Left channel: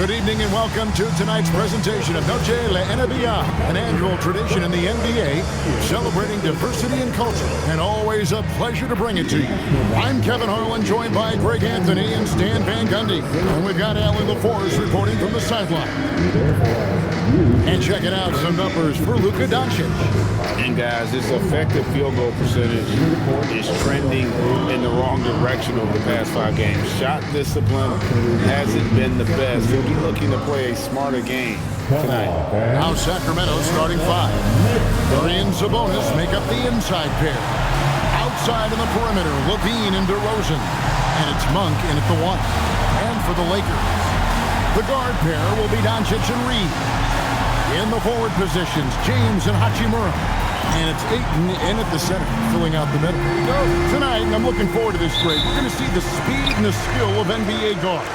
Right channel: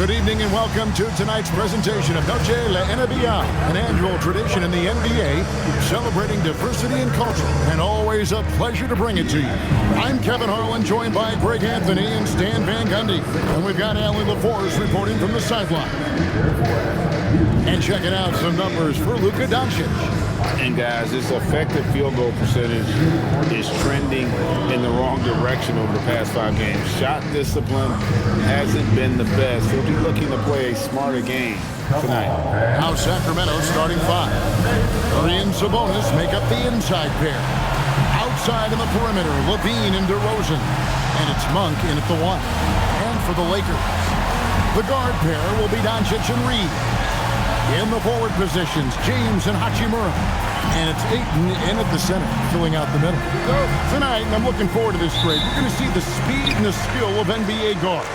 Good evening and welcome to tonight's presentation of Noche la NBA, an annual tradition in the NBA celebrating diversity and culture, and always a pleasure to bring it to you. I'm Kevin Harlan, joined by Greg Anthony and Stan Van Gundy, and we've got Allie LaForce reporting from the sideline. And checking out some numbers for Luka Doncic. And guys, his effective field goal percentage is trending in the wrong direction over the past 5 games. Shot discipline hasn't been the best. He'll be looking to play a smarter game tonight. Now Sacramento starting 5. Curry and Sabonis make up the inside pair. Outside on the perimeter, Levine and DeRozan. And it's Monk in at the 1. And for the Lakers, the guard pair will be Doncic and Reed. In the forward positions, James and Hachimura. And it's Ayton in at the center, filling out the middle. Tonight, and I'm looking forward to this, Greg, we're going to see the speed and the skill of NBA guards.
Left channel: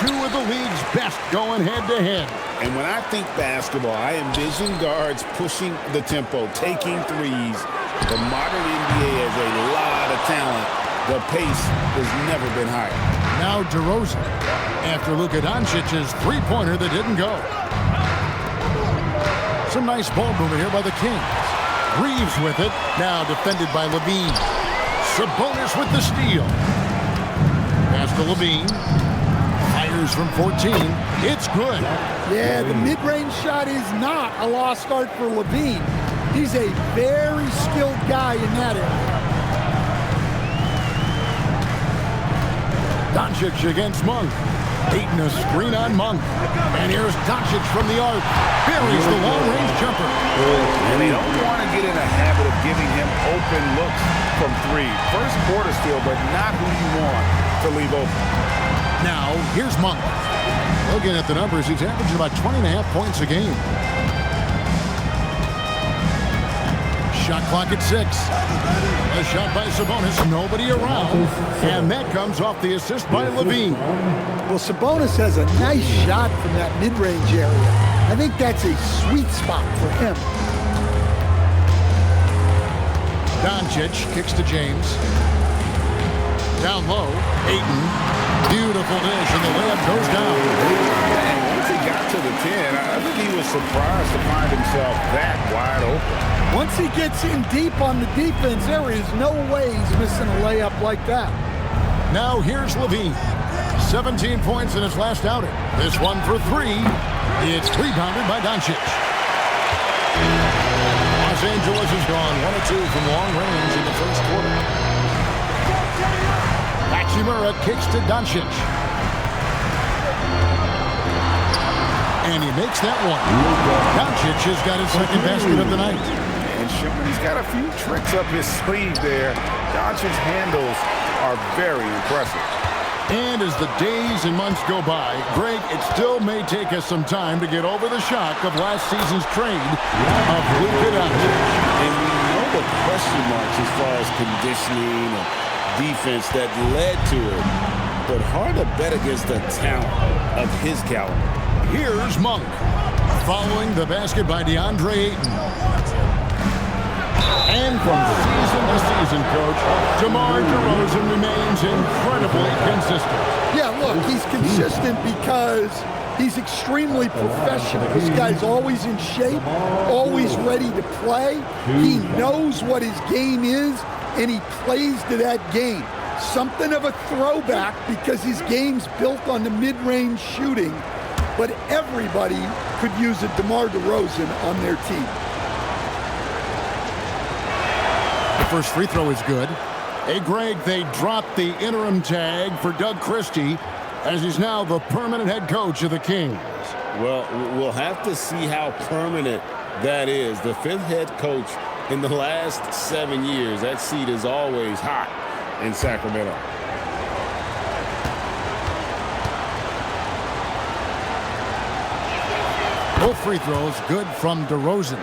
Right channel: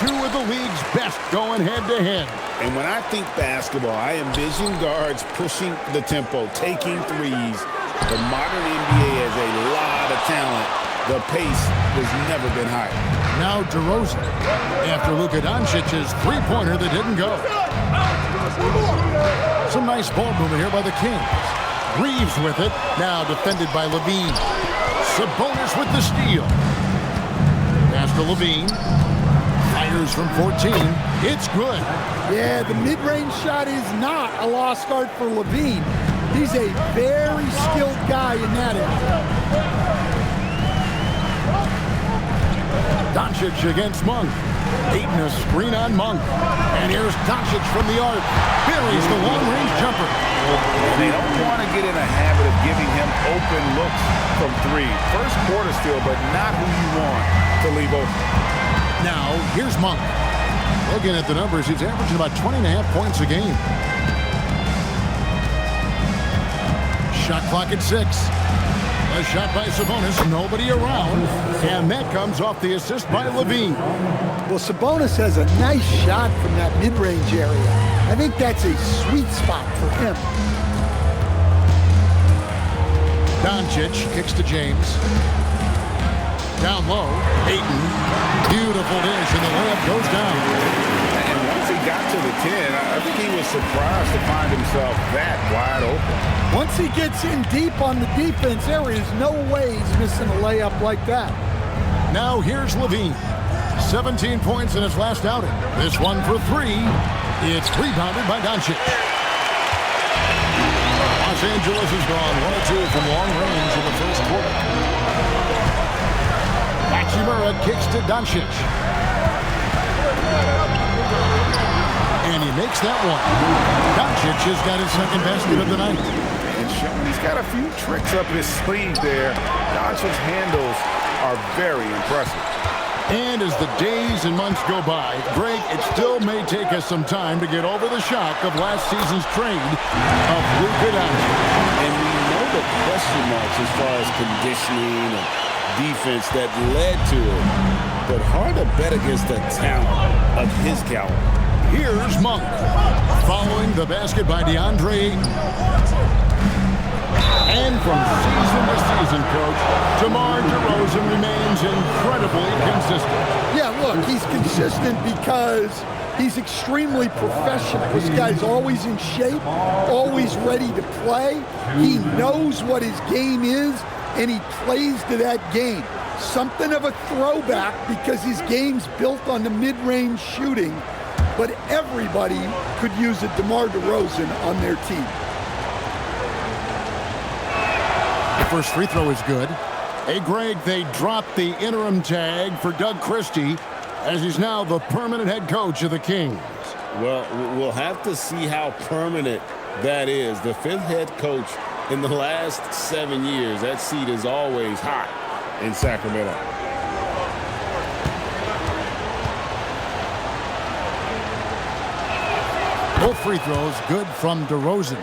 2 of the league's best going head-to-head. And when I think basketball, I envision guards pushing the tempo, taking threes. The modern NBA has a lot of talent. The pace has never been higher. Now DeRozan, after Luka Doncic's three-pointer that didn't go. Some nice ball movement here by the Kings. Reeves with it, now defended by Levine. Sabonis with the steal. Pass to Levine. Fires from 14. It's good. Yeah, the mid-range shot is not a lost art for Levine. He's a very skilled guy in that area. Doncic against Monk. Ayton a screen on Monk. And here's Doncic from the arc. Buries the long-range jumper. And they don't want to get in a habit of giving him open looks from 3. First quarter steal, but not who you want to leave open. Now, here's Monk. Looking at the numbers, he's averaging about 20.5 points a game. Shot clock at 6. A shot by Sabonis, nobody around. And that comes off the assist by Levine. Well, Sabonis has a nice shot from that mid-range area. I think that's a sweet spot for him. Doncic kicks to James. Down low, Ayton. Beautiful dish, and the layup goes down. And once he got to the 10, I think he was surprised to find himself that wide open. Once he gets in deep on the defense, there is no way he's missing a layup like that. Now here's Levine. 17 points in his last outing. This one for 3. It's rebounded by Doncic. Los Angeles has gone 1 of 2 from long range in the first quarter. Hachimura kicks to Doncic. And he makes that one. Doncic has got his second basket of the night. And showing he's got a few tricks up his sleeve there. Doncic's handles are very impressive. And as the days and months go by, Greg, it still may take us some time to get over the shock of last season's trade of Luka Doncic. And we know the question marks as far as conditioning and defense that led to it. But hard to bet against the talent of his caliber. Here's Monk. Following the basket by DeAndre Ayton. And from season to season, Coach, DeMar DeRozan remains incredibly consistent. Yeah, look, he's consistent because he's extremely professional. This guy's always in shape, always ready to play. He knows what his game is, and he plays to that game. Something of a throwback because his game's built on the mid-range shooting, but everybody could use a DeMar DeRozan on their team. The first free throw is good. Hey, Greg, they dropped the interim tag for Doug Christie as he's now the permanent head coach of the Kings. Well, we'll have to see how permanent that is. The 5th head coach in the last 7 years. That seat is always hot in Sacramento. Both free throws good from DeRozan.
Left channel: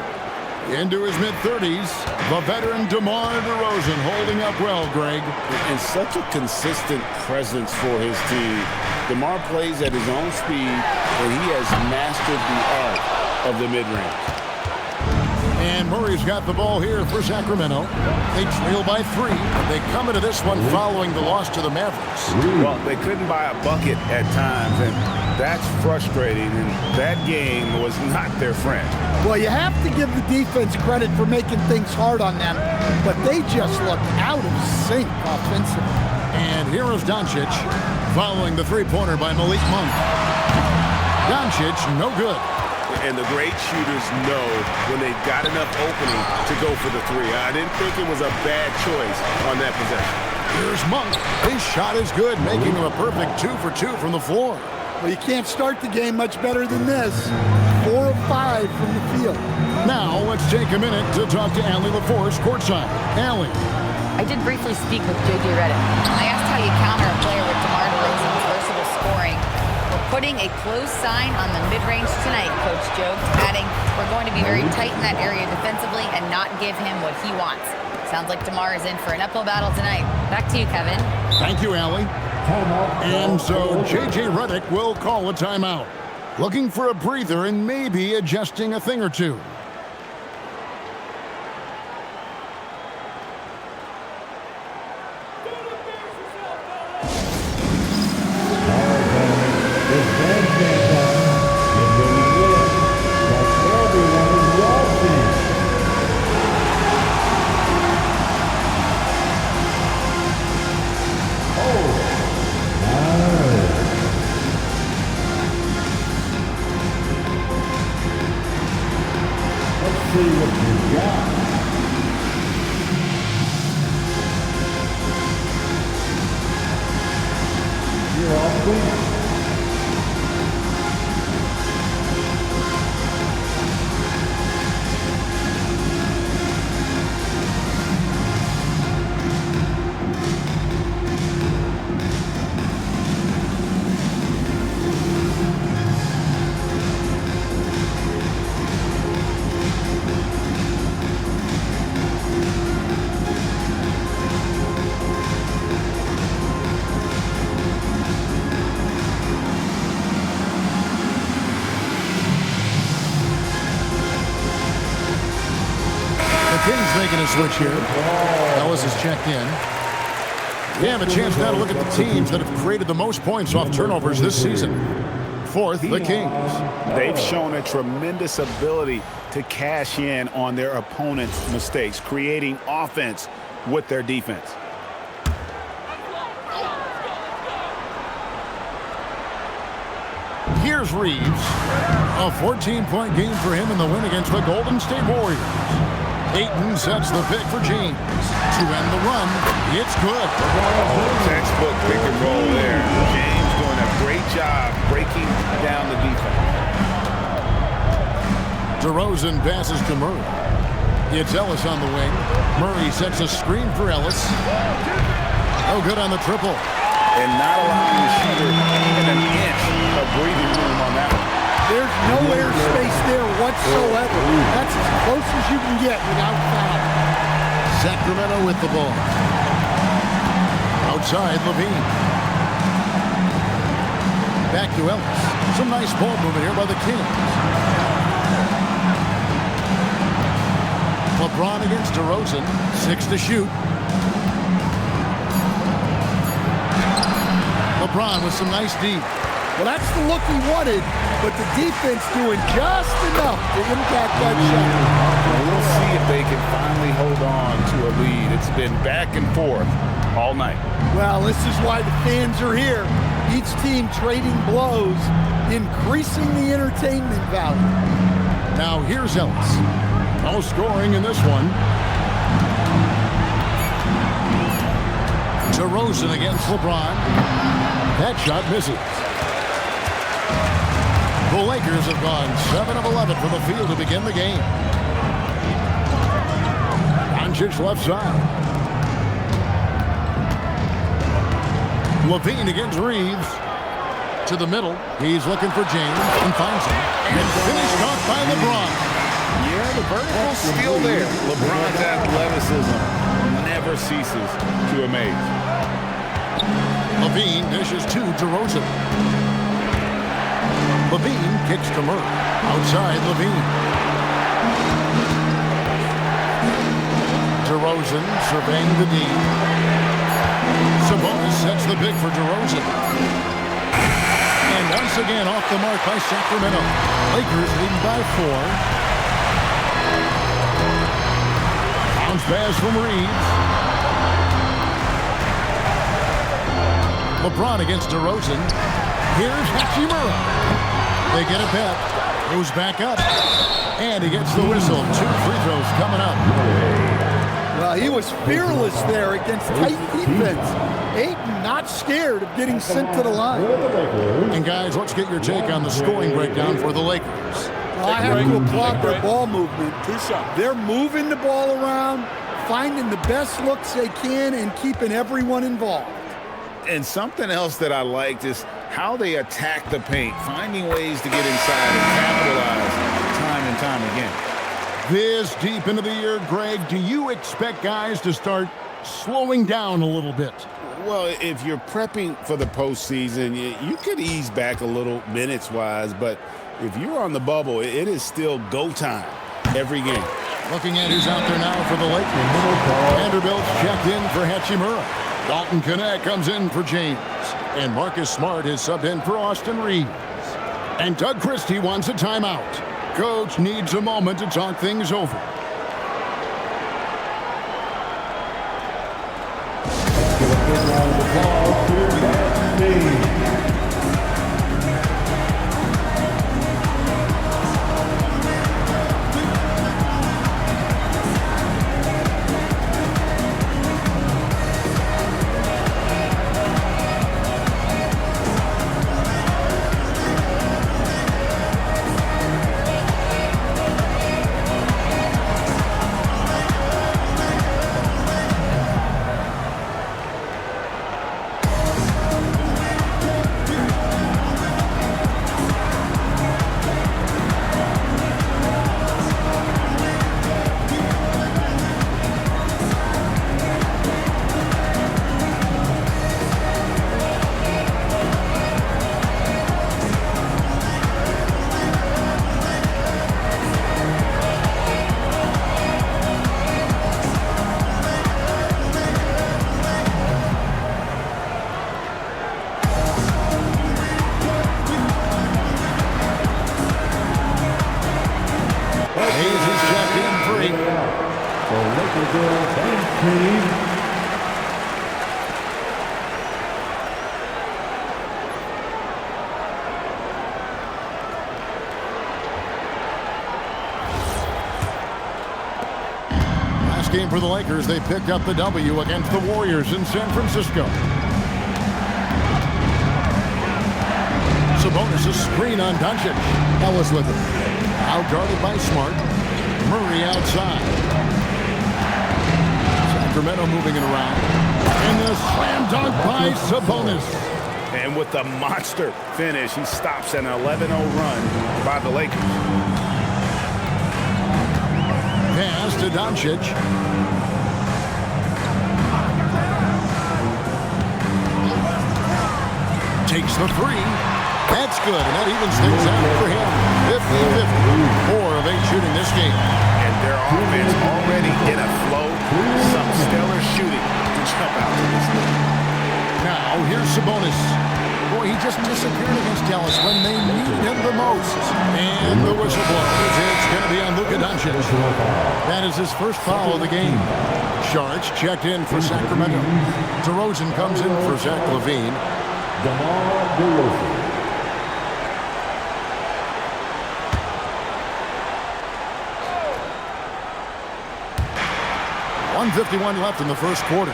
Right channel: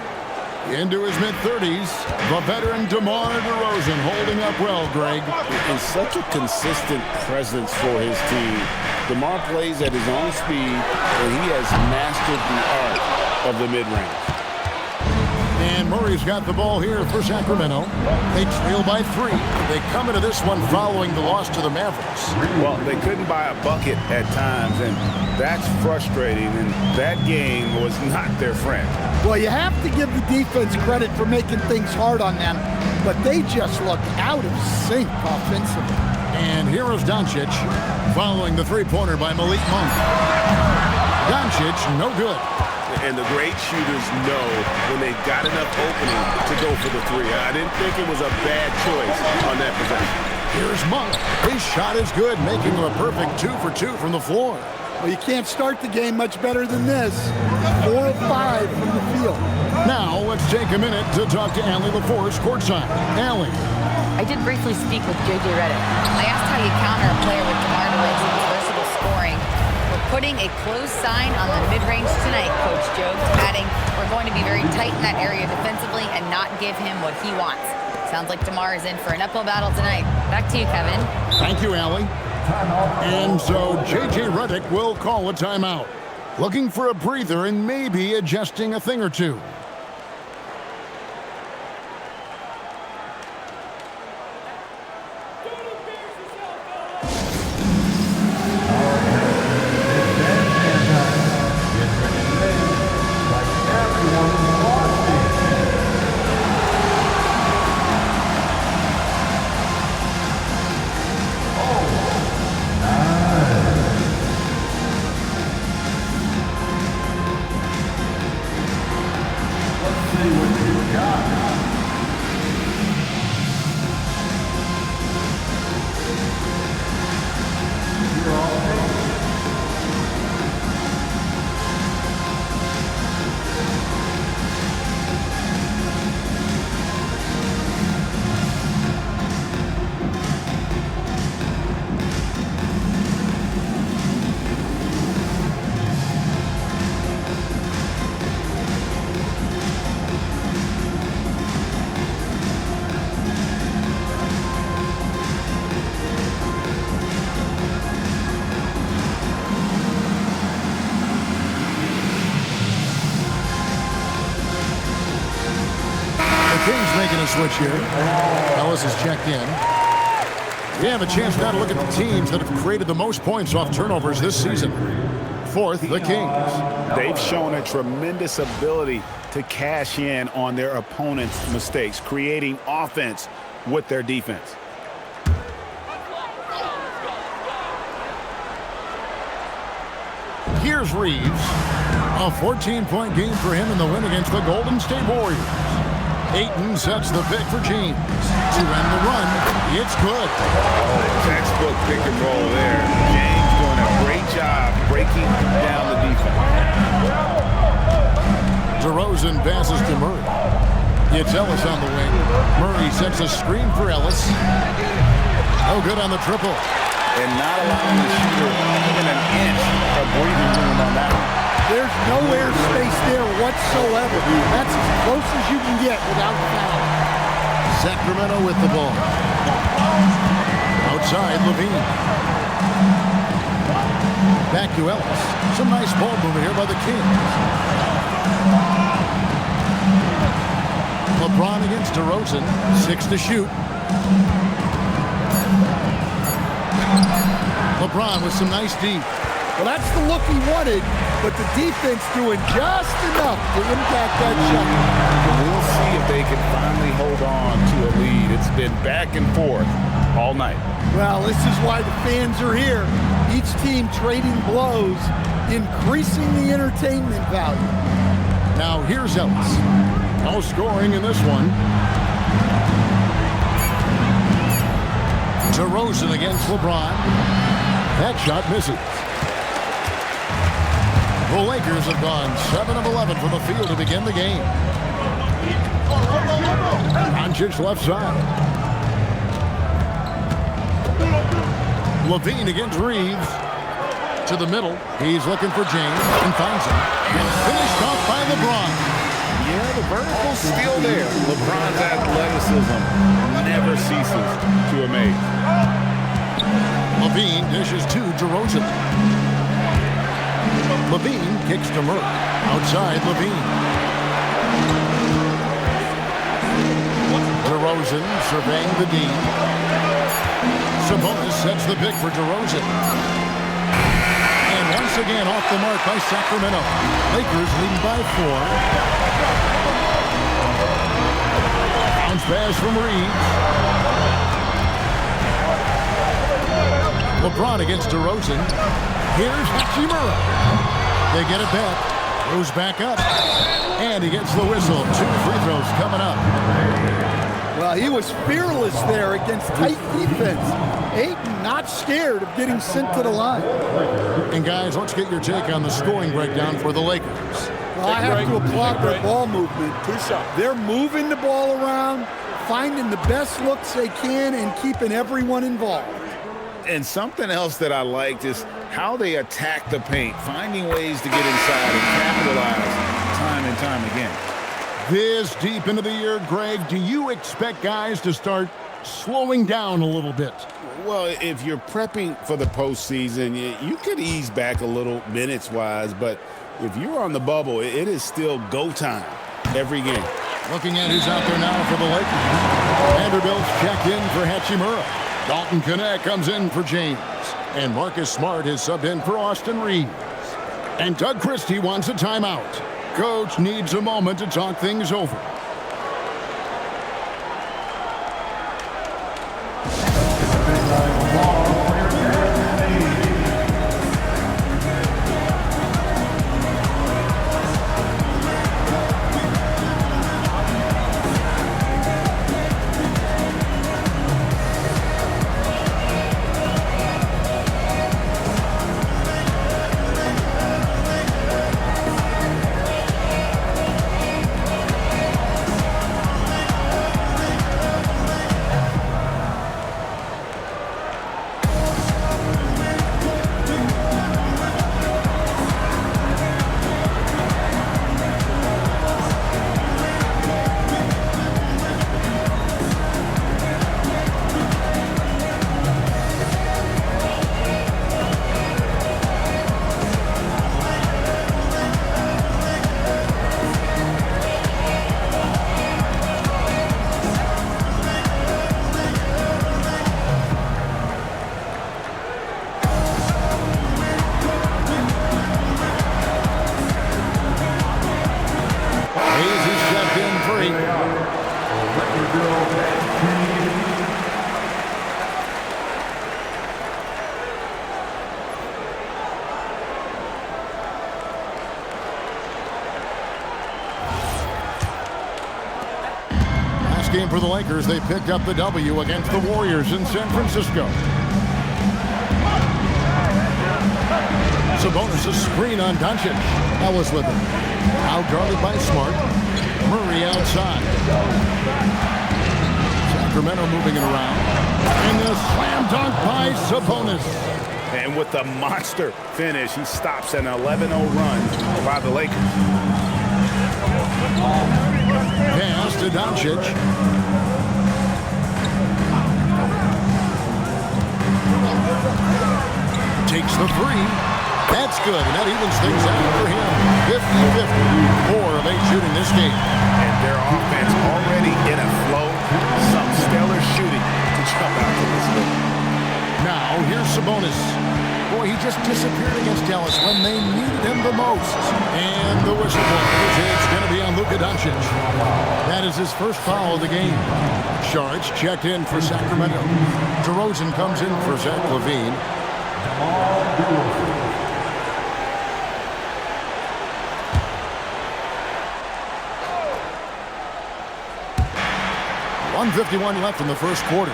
Into his mid-30s, the veteran DeMar DeRozan holding up well, Greg. And such a consistent presence for his team. DeMar plays at his own speed, and he has mastered the art of the mid-range. And Murray's got the ball here for Sacramento. They trail by 3. They come into this one following the loss to the Mavericks. Well, they couldn't buy a bucket at times, and that's frustrating, and that game was not their friend. Well, you have to give the defense credit for making things hard on them, but they just looked out of sync offensively. And here is Doncic following the three-pointer by Malik Monk. Doncic, no good. And the great shooters know when they've got enough opening to go for the 3. I didn't think it was a bad choice on that possession. Here's Monk. His shot is good, making him a perfect 2 for 2 from the floor. Well, you can't start the game much better than this. 4 of 5 from the field. Now, let's take a minute to talk to Allie LaForce courtside. Allie. I did briefly speak with J.J. Redick. I asked how you counter a player with DeMar DeRozan's versatile scoring. We're putting a close sign on the mid-range tonight, Coach joked, adding, we're going to be very tight in that area defensively and not give him what he wants. Sounds like DeMar is in for an uphill battle tonight. Back to you, Kevin. Thank you, Allie. And so J.J. Redick will call a timeout. Looking for a breather and maybe adjusting a thing or two. Kings making a switch here. Ellis is checked in. We have a chance now to look at the teams that have created the most points off turnovers this season. Fourth, the Kings. They've shown a tremendous ability to cash in on their opponent's mistakes, creating offense with their defense. Here's Reeves. A 14-point game for him in the win against the Golden State Warriors. Ayton sets the pick for James. To end the run, it's good. Oh, textbook pick and roll there. James doing a great job breaking down the defense. DeRozan passes to Murray. It's Ellis on the wing. Murray sets a screen for Ellis. Oh, good on the triple. And not allowing the shooter even an inch of breathing room on that one. There's no air space there whatsoever. That's as close as you can get without foul. Sacramento with the ball. Outside, Levine. Back to Ellis. Some nice ball movement here by the Kings. LeBron against DeRozan. 6 to shoot. LeBron with some nice deep. Well, that's the look he wanted, but the defense doing just enough to impact that shot. We'll see if they can finally hold on to a lead. It's been back and forth all night. Well, this is why the fans are here. Each team trading blows, increasing the entertainment value. Now here's Ellis. No scoring in this one. DeRozan against LeBron. That shot misses. The Lakers have gone 7 of 11 from the field to begin the game. Doncic left side. Levine against Reeves. To the middle. He's looking for James and finds him. And finished off by LeBron. Yeah, the vertical's still there. LeBron's athleticism never ceases to amaze. Levine dishes to DeRozan. Levine kicks to Murray. Outside, Levine. DeRozan surveying the D. Sabonis sets the pick for DeRozan. And once again off the mark by Sacramento. Lakers leading by 4. Bounce pass from Reeves. LeBron against DeRozan. Here's Hachimura. They get it back. Goes back up. And he gets the whistle. 2 free throws coming up. Well, he was fearless there against tight defense. Ayton not scared of getting sent to the line. And guys, let's get your take on the scoring breakdown for the Lakers. Well, I have to applaud their ball movement. They're moving the ball around, finding the best looks they can, and keeping everyone involved. And something else that I liked is how they attack the paint, finding ways to get inside and capitalize time and time again. This deep into the year, Greg, do you expect guys to start slowing down a little bit? Well, if you're prepping for the postseason, you could ease back a little minutes-wise, but if you're on the bubble, it is still go time every game. Looking at who's out there now for the Lakers. Vanderbilt's checked in for Hachimura. Dalton Connect comes in for James. And Marcus Smart is subbed in for Austin Reeves. And Doug Christie wants a timeout. Coach needs a moment to talk things over. Game for the Lakers. They picked up the W against the Warriors in San Francisco. Sabonis a screen on Doncic. Ellis with it. Out guarded by Smart. Murray outside. Sacramento moving it around. And the slam dunk by Sabonis. And with the monster finish, he stops an 11-0 run by the Lakers. Pass to Doncic. Takes the 3. That's good, and that evens things out for him. 50-50. 4 of 8 shooting this game. And their offense already in a flow. Some stellar shooting to jump out to this game. Now, here's Sabonis. Boy, he just disappeared against Dallas when they needed him the most. And the whistle blows. It's going to be on Luka Doncic. That is his first foul of the game. Sharks checked in for Sacramento. DeRozan comes in for Zach LaVine. DeMar DeRozan. .151 left in the first quarter.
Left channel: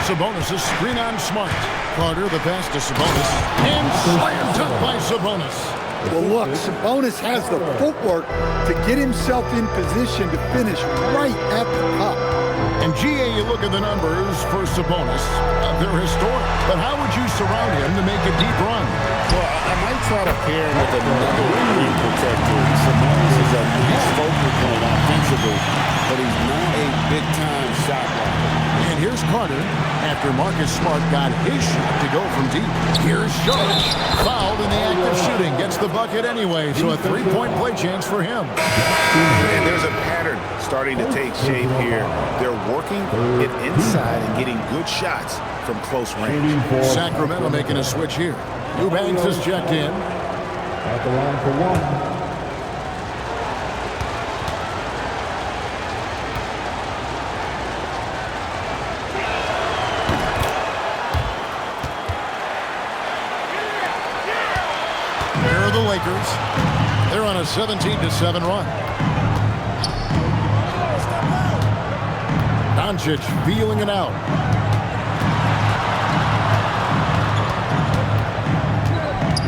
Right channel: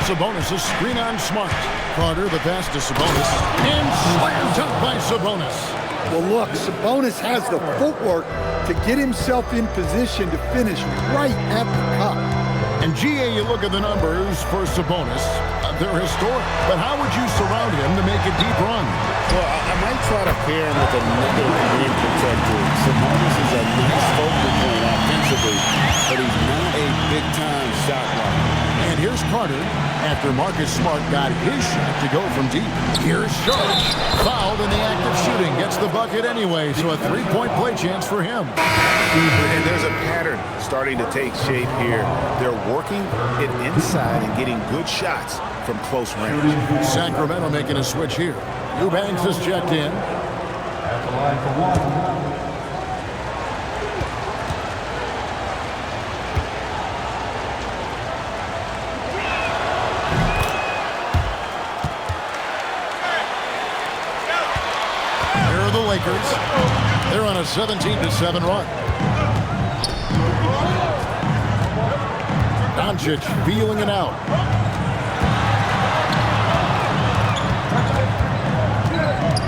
Sabonis' screen on Smart. Carter, the pass to Sabonis. And slam dunk by Sabonis. Well, look, Sabonis has the footwork to get himself in position to finish right at the cup. And GA, you look at the numbers for Sabonis. They're historic. But how would you surround him to make a deep run? Well, I might try to pair him with another rim protector. Sabonis is a nice focal point offensively. but he's not a big-time shot blocker. And here's Carter after Marcus Smart got his shot to go from deep. Here's George, fouled in the act of shooting, gets the bucket anyway, so a three-point play chance for him. And there's a pattern starting to take shape here. They're working it inside and getting good shots from close range. Sacramento making a switch here. Eubanks is checked in. At the line for one. The Lakers. They're on a 17-7 run. Doncic feeling it out.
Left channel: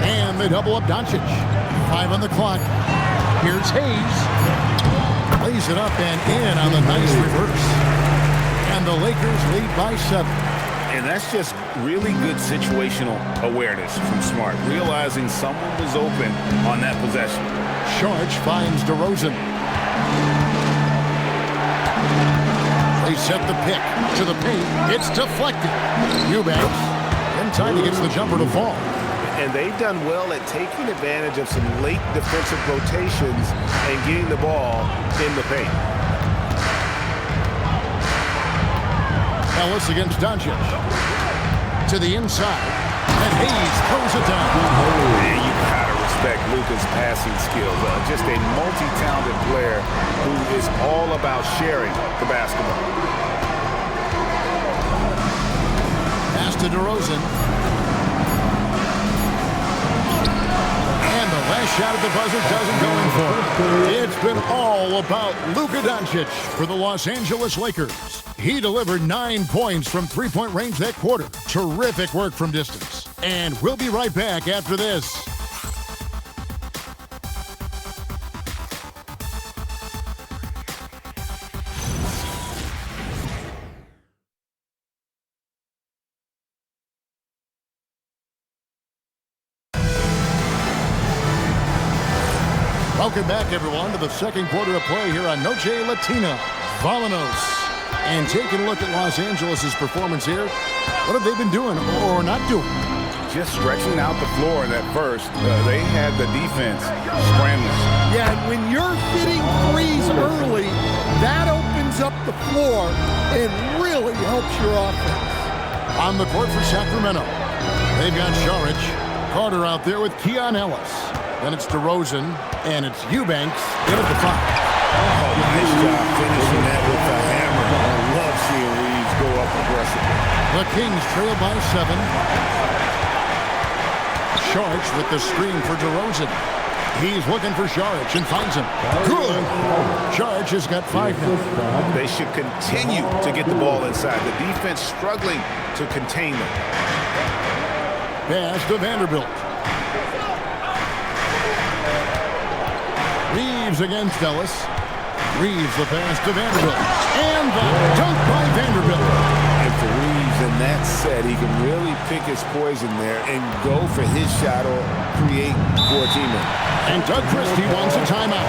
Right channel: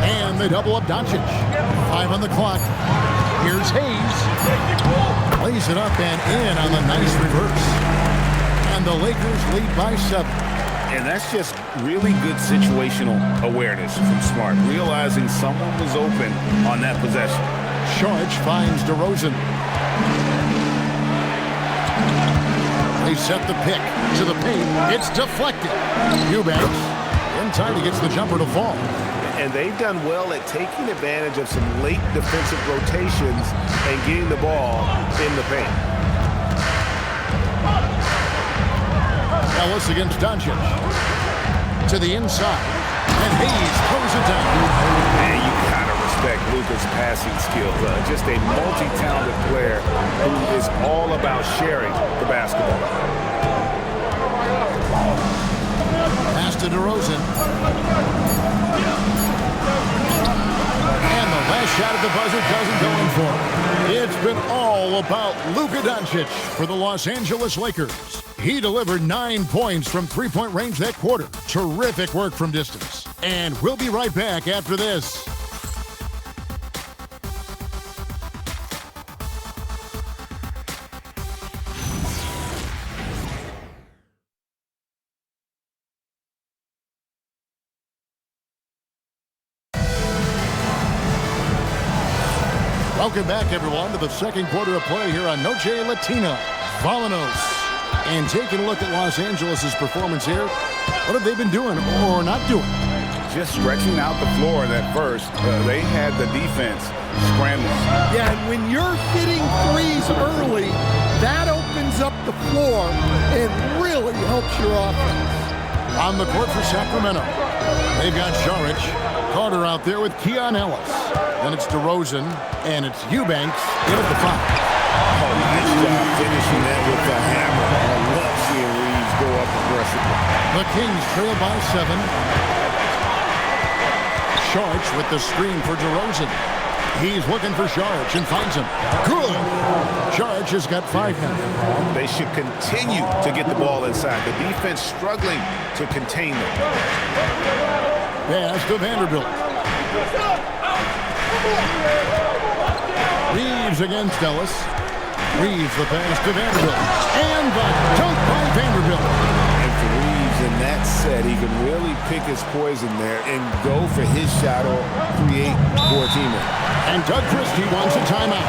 And they double up Doncic. 5 on the clock. Here's Hayes. Plays it up and in on the nice reverse. And the Lakers lead by 7. And that's just really good situational awareness from Smart, realizing someone was open on that possession. Sharch finds DeRozan. They set the pick to the paint. It's deflected. Eubanks in time, he gets the jumper to fall. And they've done well at taking advantage of some late defensive rotations and getting the ball in the paint. Ellis against Doncic. To the inside. And Hayes throws it down. Man, you gotta respect Luka's passing skills. Just a multi-talented player who is all about sharing the basketball. Pass to DeRozan. And the last shot at the buzzer doesn't go in for it. It's been all about Luka Doncic for the Los Angeles Lakers. He delivered 9 points from three-point range that quarter. Terrific work from distance. And we'll be right back after this. Welcome back, everyone, to the second quarter of play here on Noche Latina. Volanos. And taking a look at Los Angeles' performance here, what have they been doing or not doing? Just stretching out the floor in that first. They had the defense scrambling. Yeah, and when you're hitting threes early, that opens up the floor and really helps your offense. On the court for Sacramento, they've got Saric, Carter out there with Keon Ellis. Then it's DeRozan, and it's Eubanks in at the 5. Oh, nice job finishing that with the hammer. I love seeing Reeves go up aggressively. The Kings trail by 7. Saric with the screen for DeRozan. He's looking for Saric and finds him. Good. Saric has got 5 now. They should continue to get the ball inside. The defense struggling to contain them. Pass to Vanderbilt. Reeves against Ellis. Reeves the pass to Vanderbilt. And the dunk by Vanderbilt. And for Reeves in that set, he can really pick his poison there and go for his shot or create for a teammate. And Doug Christie wants a timeout.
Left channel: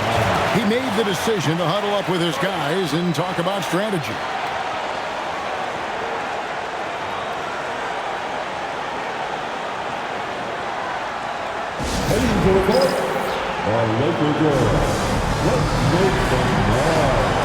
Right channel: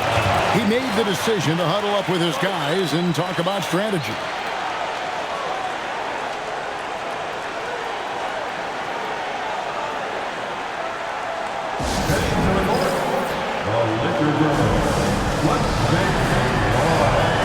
He made the decision to huddle up with his guys and talk about strategy. Heading to the court, the Laker girls. Let's make some noise.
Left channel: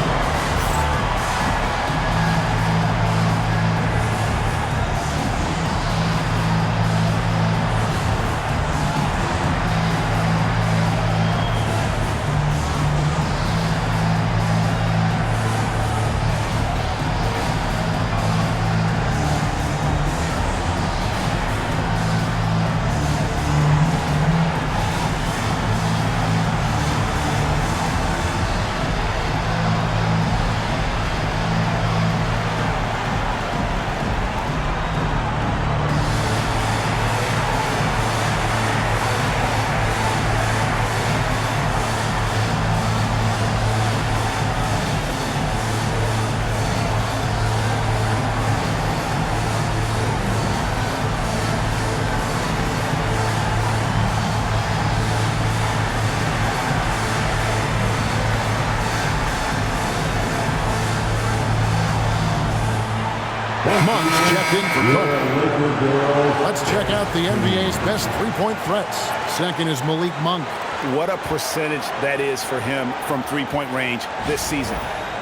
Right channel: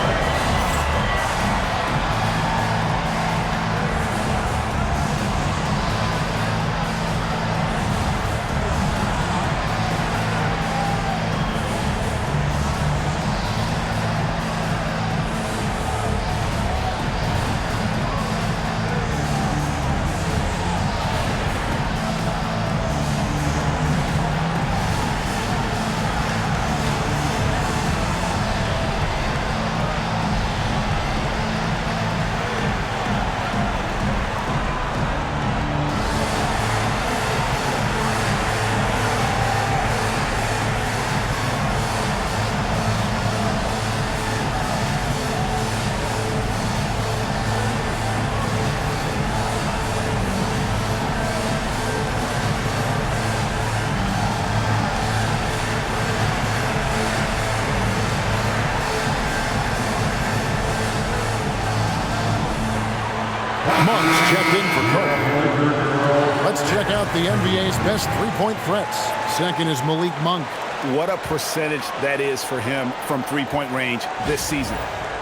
Monk's checked in for Cook. Laker girl. Let's check out the NBA's best three-point threats. Second is Malik Monk. What a percentage that is for him from three-point range this season.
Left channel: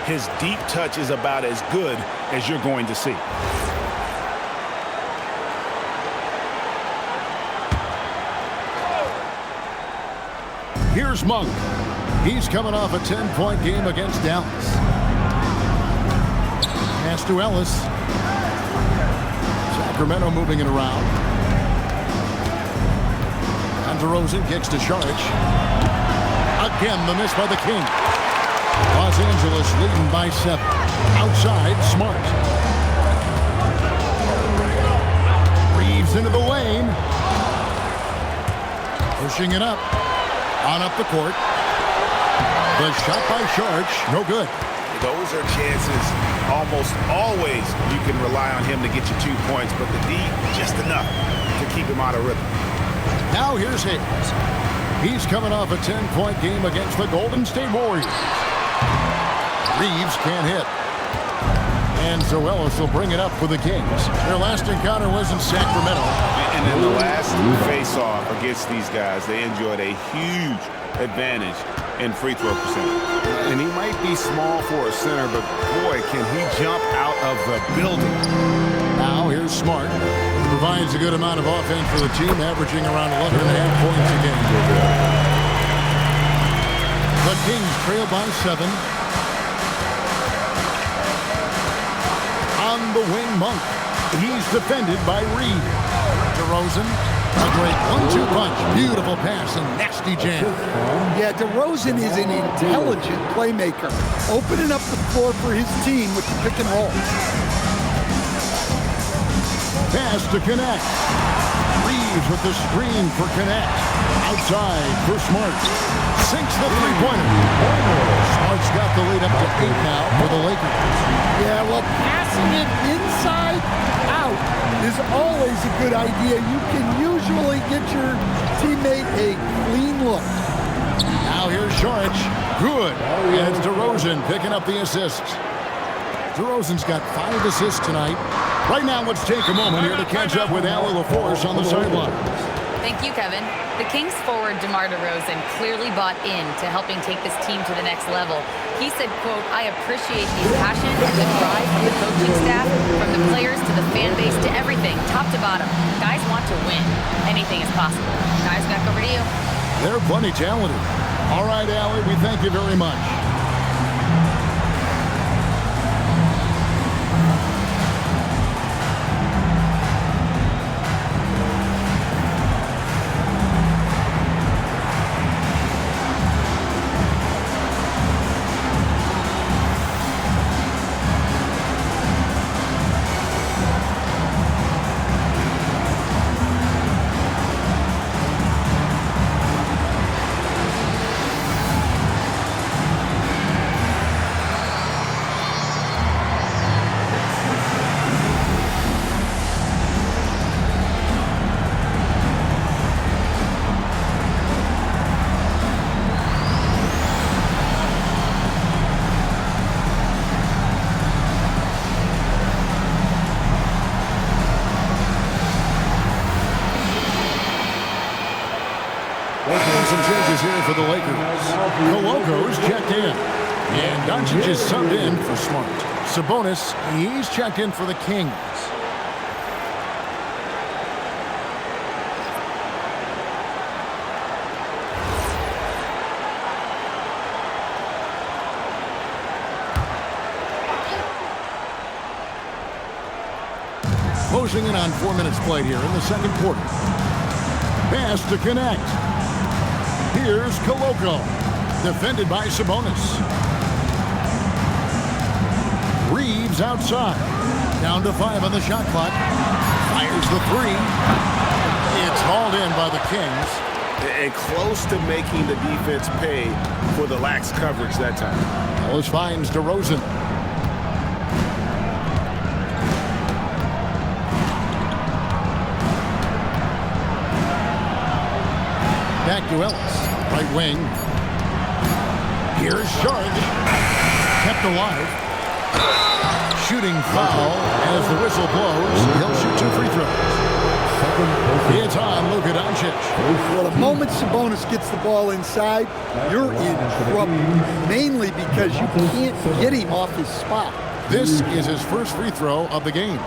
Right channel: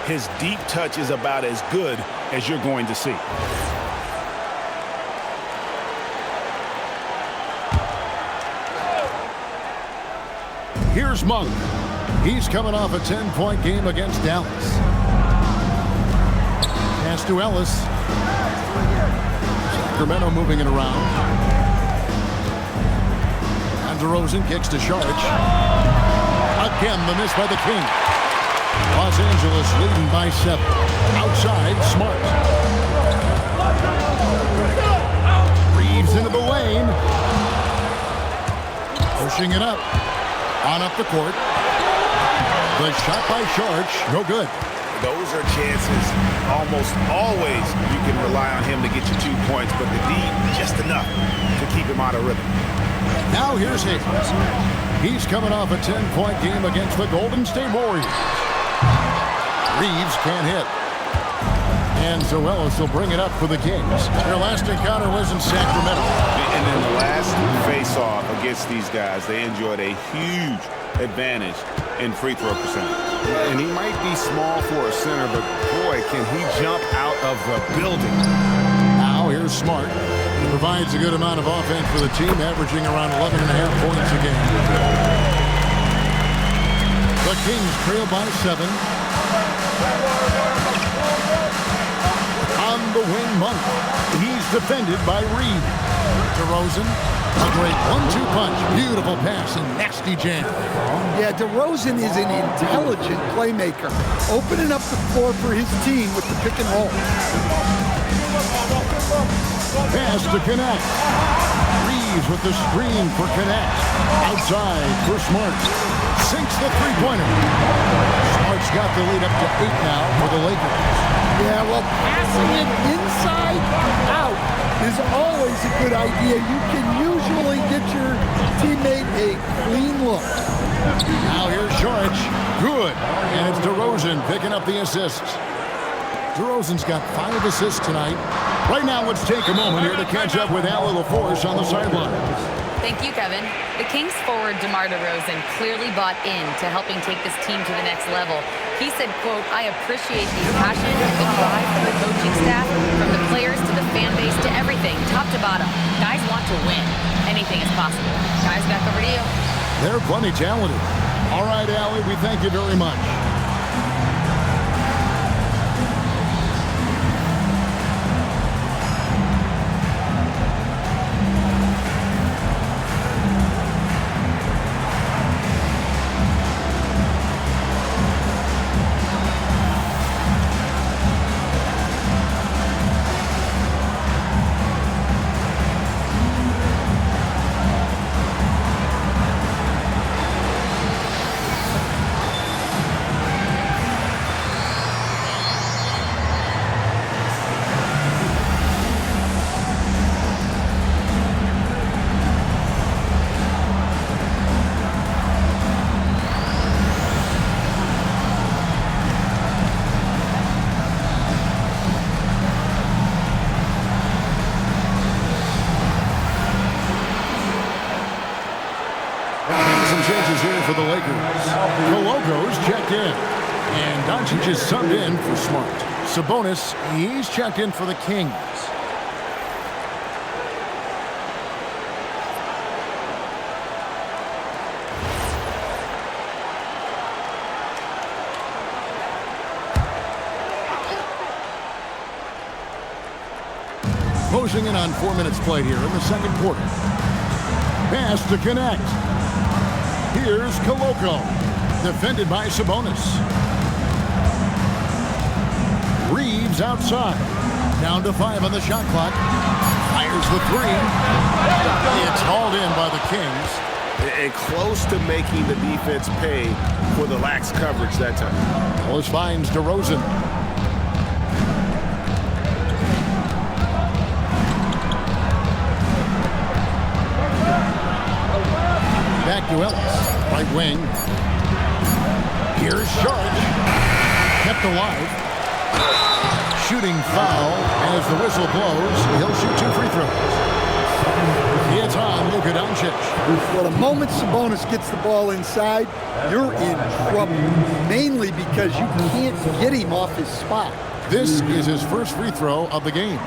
His deep touch is about as good as you're going to see. Here's Monk. He's coming off a 10-point game against Dallas. Pass to Ellis. Sacramento moving it around. And DeRozan kicks to Saric. Again, the miss by the Kings. Los Angeles leading by 7. Outside, Smart. Reeves into the lane. Pushing it up. On up the court. The shot by Saric, no good. Those are chances almost always you can rely on him to get you 2 points, but the D, just enough to keep him out of rhythm. Now here's Hayes. He's coming off a 10-point game against the Golden State Warriors. Reeves can't hit. And so Ellis will bring it up for the Kings. Their last encounter was in Sacramento. And in the last face-off against these guys, they enjoyed a huge advantage in free throw percentage. And he might be small for a center, but boy, can he jump out of the building. Now here's Smart. He provides a good amount of offense for the team, averaging around 11.5 points a game. The Kings trail by 7. On the wing, Monk. He's defended by Reed. DeRozan, a great 1-2 punch. Beautiful pass and nasty jam. Yeah, DeRozan is an intelligent playmaker, opening up the floor for his team with the pick and roll. Pass to Connect. Reeves with the screen for Connect. Outside for Smart. Sinks the three-pointer. Smart's got the lead up to 8 now for the Lakers. Yeah, well, passing it inside out is always a good idea. You can usually get your teammate a clean look. Now here's Saric. Good. And it's DeRozan picking up the assists. DeRozan's got 5 assists tonight. Right now, let's take a moment here to catch up with Allie LaForce on the sidelines. Thank you, Kevin. The Kings forward DeMar DeRozan clearly bought in to helping take this team to the next level. He said, quote, "I appreciate the passion and the drive from the coaching staff, from the players to the fan base to everything, top to bottom. Guys want to win. Anything is possible." Guys, back over to you. They're plenty talented. All right, Allie, we thank you very much. Some changes here for the Lakers. Koloko's checked in. And Doncic is subbed in for Smart. Sabonis, he's checked in for the Kings. Closing in on 4 minutes played here in the second quarter. Pass to Connect. Here's Koloko, defended by Sabonis. Reeves outside. Down to 5 on the shot clock. Fires the 3. It's hauled in by the Kings. And close to making the defense pay for the lax coverage that time. Ellis finds DeRozan. Back to Ellis. Right wing. Here's Saric. Kept alive. Shooting foul as the whistle blows. He'll shoot 2 free throws. It's on Luka Doncic. Well, the moment Sabonis gets the ball inside, you're in trouble, mainly because you can't get him off his spot. This is his first free throw of the game.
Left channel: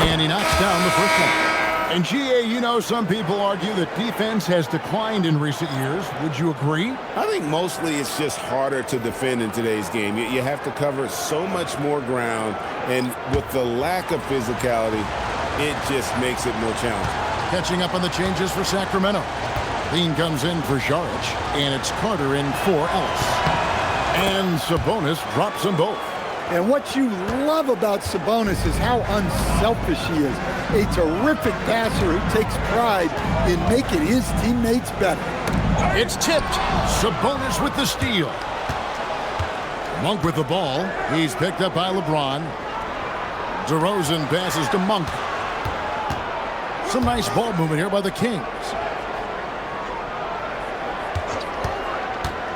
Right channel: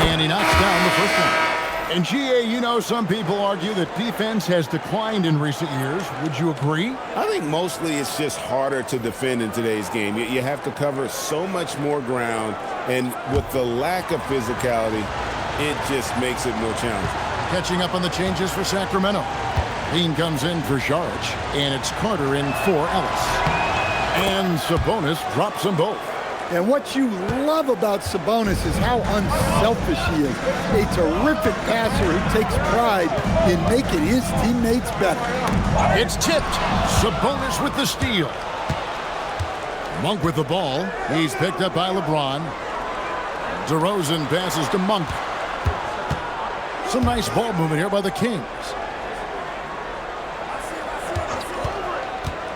And he knocks down the first one. And GA, you know, some people argue that defense has declined in recent years. Would you agree? I think mostly it's just harder to defend in today's game. You have to cover so much more ground, and with the lack of physicality, it just makes it more challenging. Catching up on the changes for Sacramento. Bean comes in for Saric, and it's Carter in for Ellis. And Sabonis drops them both. And what you love about Sabonis is how unselfish he is. A terrific passer who takes pride in making his teammates better. It's tipped. Sabonis with the steal. Monk with the ball. He's picked up by LeBron. DeRozan passes to Monk. Some nice ball movement here by the Kings.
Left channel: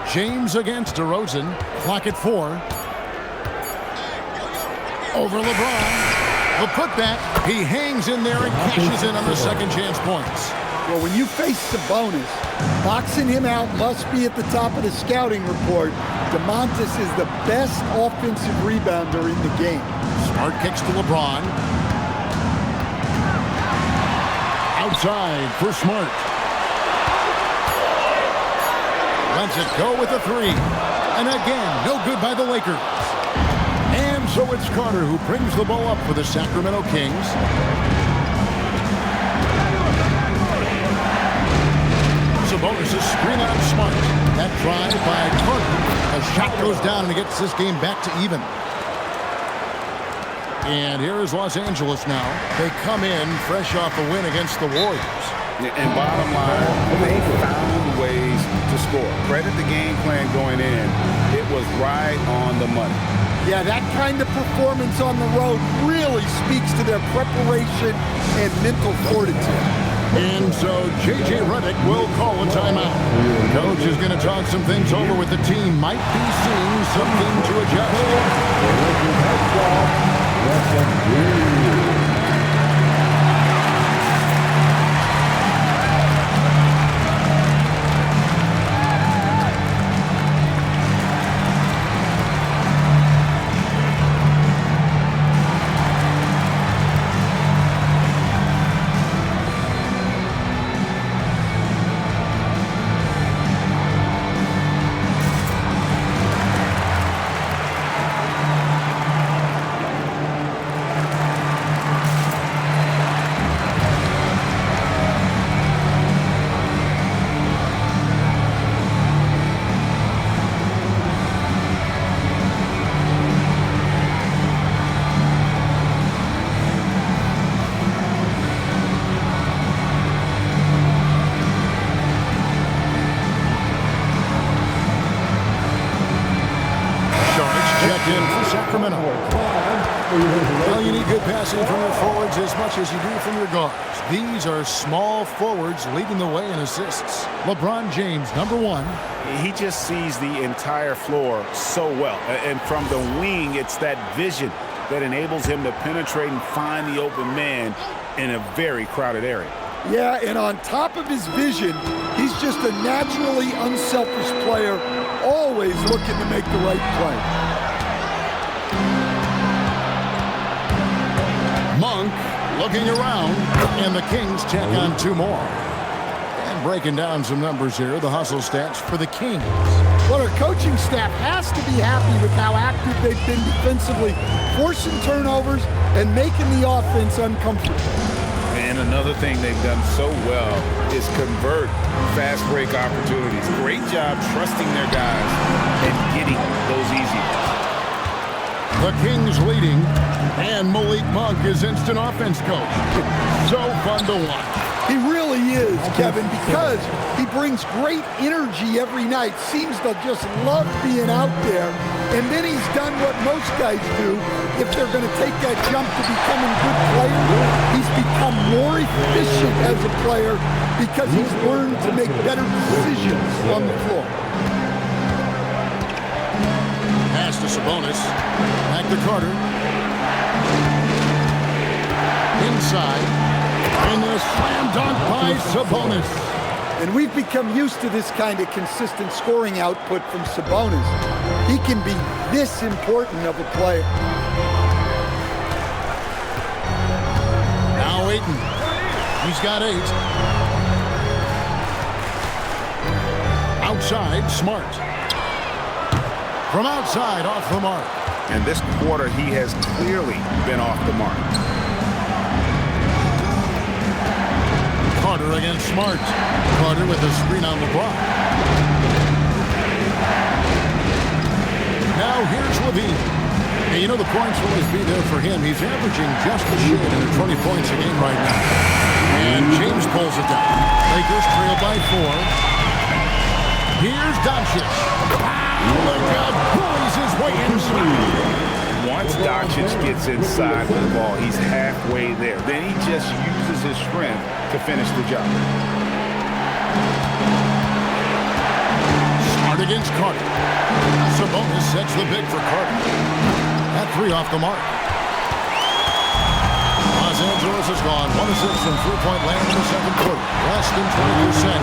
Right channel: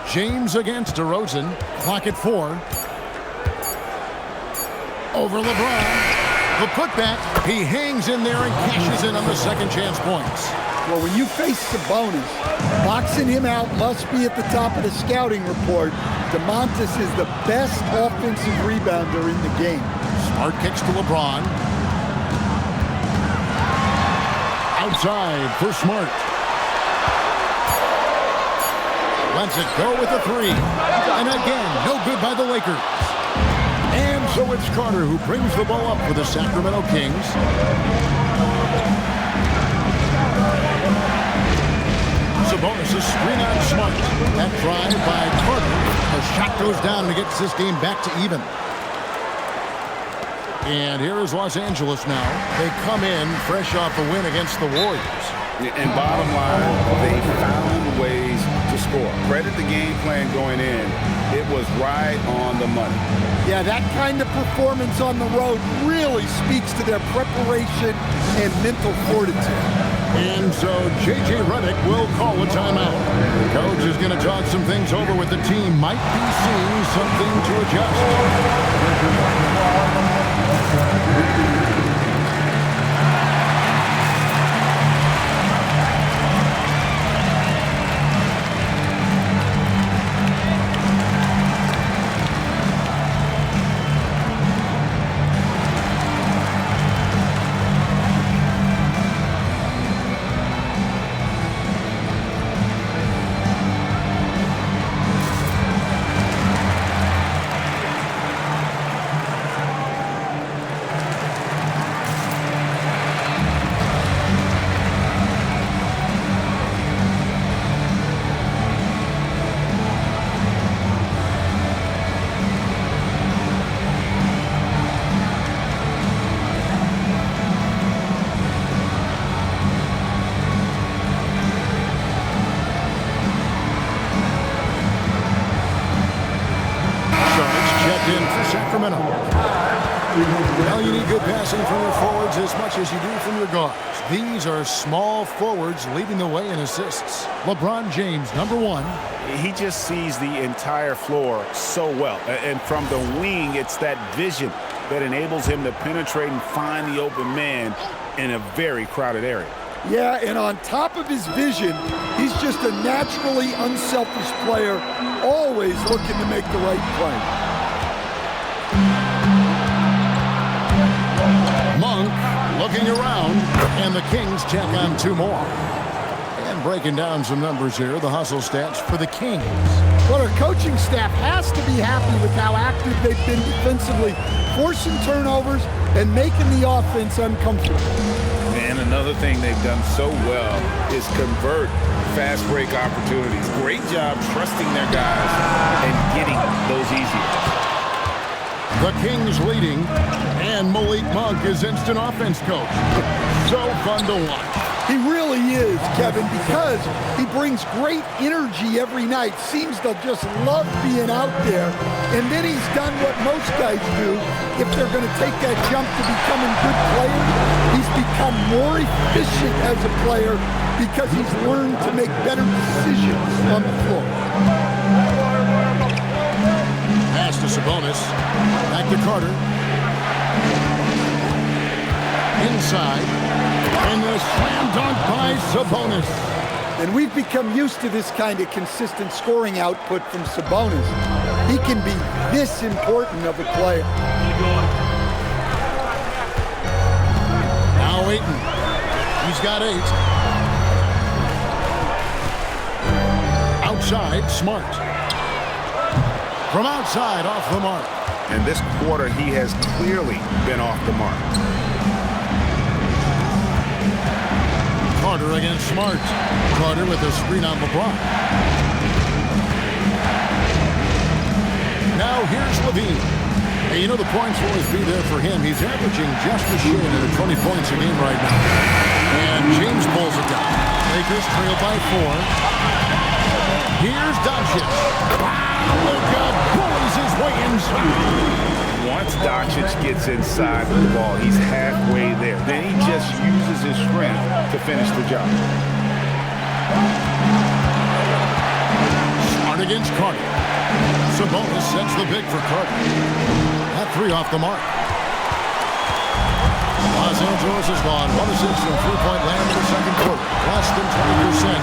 James against DeRozan. Clock at 4. Over LeBron. The putback. He hangs in there and cashes in on the second chance points. Well, when you face Sabonis, boxing him out must be at the top of the scouting report. DeMontis is the best offensive rebounder in the game. Smart kicks to LeBron. Outside for Smart. Lets it go with a 3. And again, no good by the Lakers. And so it's Carter who brings the ball up for the Sacramento Kings. Sabonis is screen on Smart. That drive by Carter. A shot goes down and it gets this game back to even. And here is Los Angeles now. They come in fresh off a win against the Warriors. And bottom line, they found ways to score. Credit the game plan going in. It was right on the money. Yeah, that kind of performance on the road really speaks to their preparation and mental fortitude. And so J.J. Redick will call a timeout. Coach is going to talk some things over with the team. Might be seeing something to adjust. Checked in for Sacramento. Well, you need good passing from your forwards as much as you do from your guards. These are small forwards leading the way in assists. LeBron James, number 1. He just sees the entire floor so well. And from the wing, it's that vision that enables him to penetrate and find the open man in a very crowded area. Yeah, and on top of his vision, he's just a naturally unselfish player, always looking to make the right play. Monk looking around, and the Kings check on 2 more. And breaking down some numbers here, the hustle stats for the Kings. Well, our coaching staff has to be happy with how active they've been defensively, forcing turnovers and making the offense uncomfortable. And another thing they've done so well is convert fast break opportunities. Great job trusting their guys and getting those easy ones. The Kings leading, and Malik Monk is instant offense coach. So fun to watch. He really is, Kevin, because he brings great energy every night, seems to just love being out there, and then he's done what most guys do. If they're going to take that jump to becoming good players, he's become more efficient as a player because he's learned to make better decisions on the floor. Pass to Sabonis. Back to Carter. Inside. And a slam dunk by Sabonis. And we've become used to this kind of consistent scoring output from Sabonis. He can be this important of a player. Now Ayton. He's got 8. Outside, Smart. From outside, off the mark. And this quarter, he has clearly been off the mark. Carter against Smart. Carter with a screen on LeBron. Now here's Levine. Hey, you know the points will always be there for him. He's averaging just a shade under 20 points a game right now. And James pulls it down. Lakers trail by 4. Here's Doncic. Wow, Luka bullies his way inside. Once Doncic gets inside the ball, he's halfway there. Then he just uses his strength to finish the job. Smart against Carter. Sabonis sets the big for Carter. That 3 off the mark. Los Angeles has gone 1 of 6 from three-point land in the second quarter. Less than 20%,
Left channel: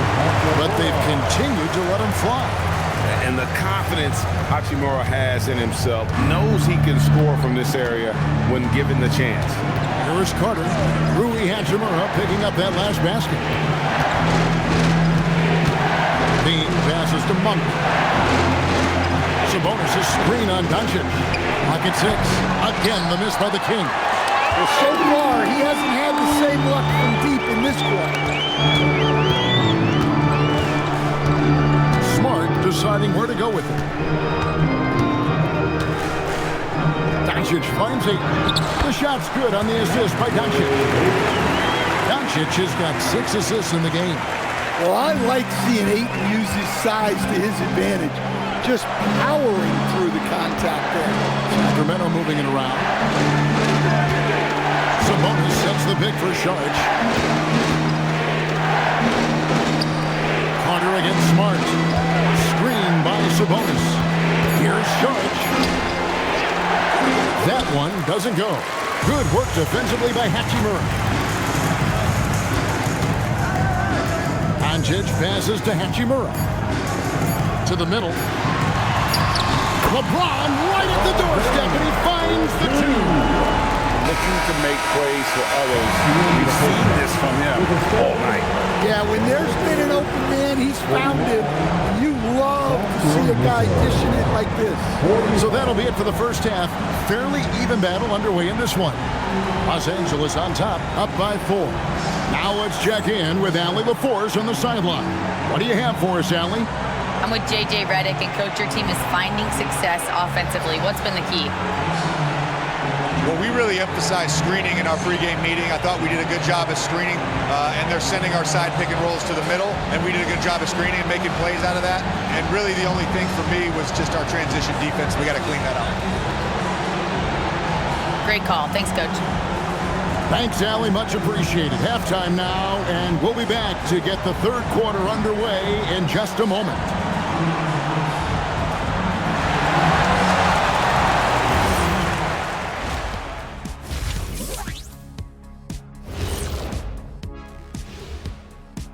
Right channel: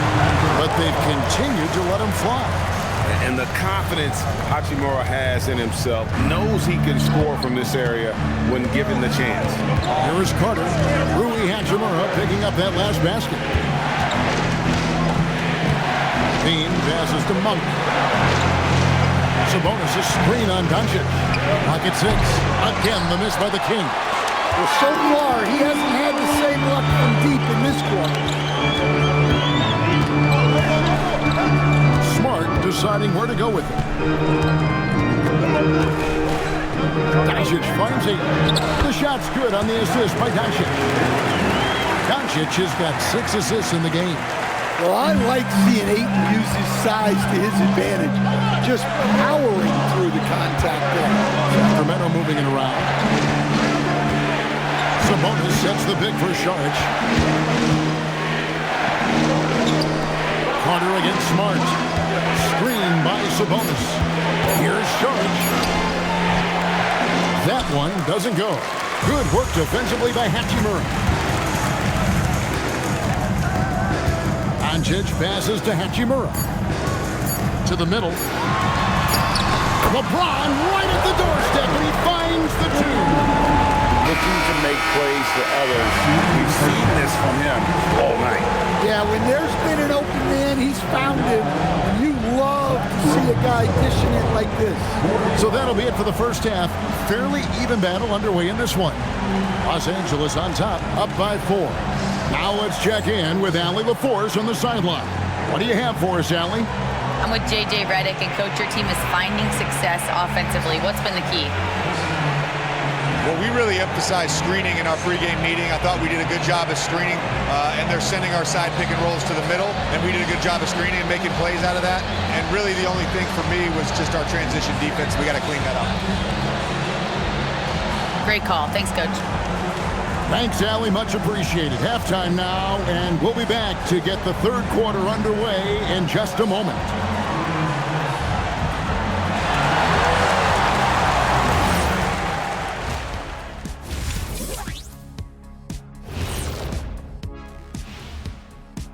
but they've continued to let him fly. And the confidence Hachimura has in himself, knows he can score from this area when given the chance. Here is Carter. Rui Hachimura picking up that last basket. Bean passes to Monk. Sabonis' screen on Doncic. Pocket 6. Again, the miss by the King. Well, so far, he hasn't had the same luck from deep in this quarter. Smart deciding where to go with it. Doncic finds 8. The shot's good on the assist by Doncic. Doncic has got 6 assists in the game. Well, I like seeing Ayton use his size to his advantage, just powering through the contact there. Sacramento moving it around. Sabonis sets the pick for Saric. Carter against Smart. Screen by Sabonis. Here's Saric. That one doesn't go. Good work defensively by Hachimura. Doncic passes to Hachimura. To the middle. LeBron right at the doorstep, and he finds the 2. Looking to make plays for others. We've seen this from him all night. Yeah, when there's been an open man, he's found him. And you love to see a guy dishing it like this. So that'll be it for the first half. Fairly even battle underway in this one. Los Angeles on top, up by 4. Now let's check in with Allie LaForce on the sideline. What do you have for us, Allie? I'm with J.J. Redick, and Coach, your team is finding success offensively. What's been the key? Well, we really emphasized screening in our pregame meeting. I thought we did a good job of screening, and they're sending our side pick and rolls to the middle, and we did a good job of screening and making plays out of that. And really the only thing for me was just our transition defense. We got to clean that up. Great call. Thanks, Coach. Thanks, Allie. Much appreciated. Halftime now, and we'll be back to get the third quarter underway in just a moment.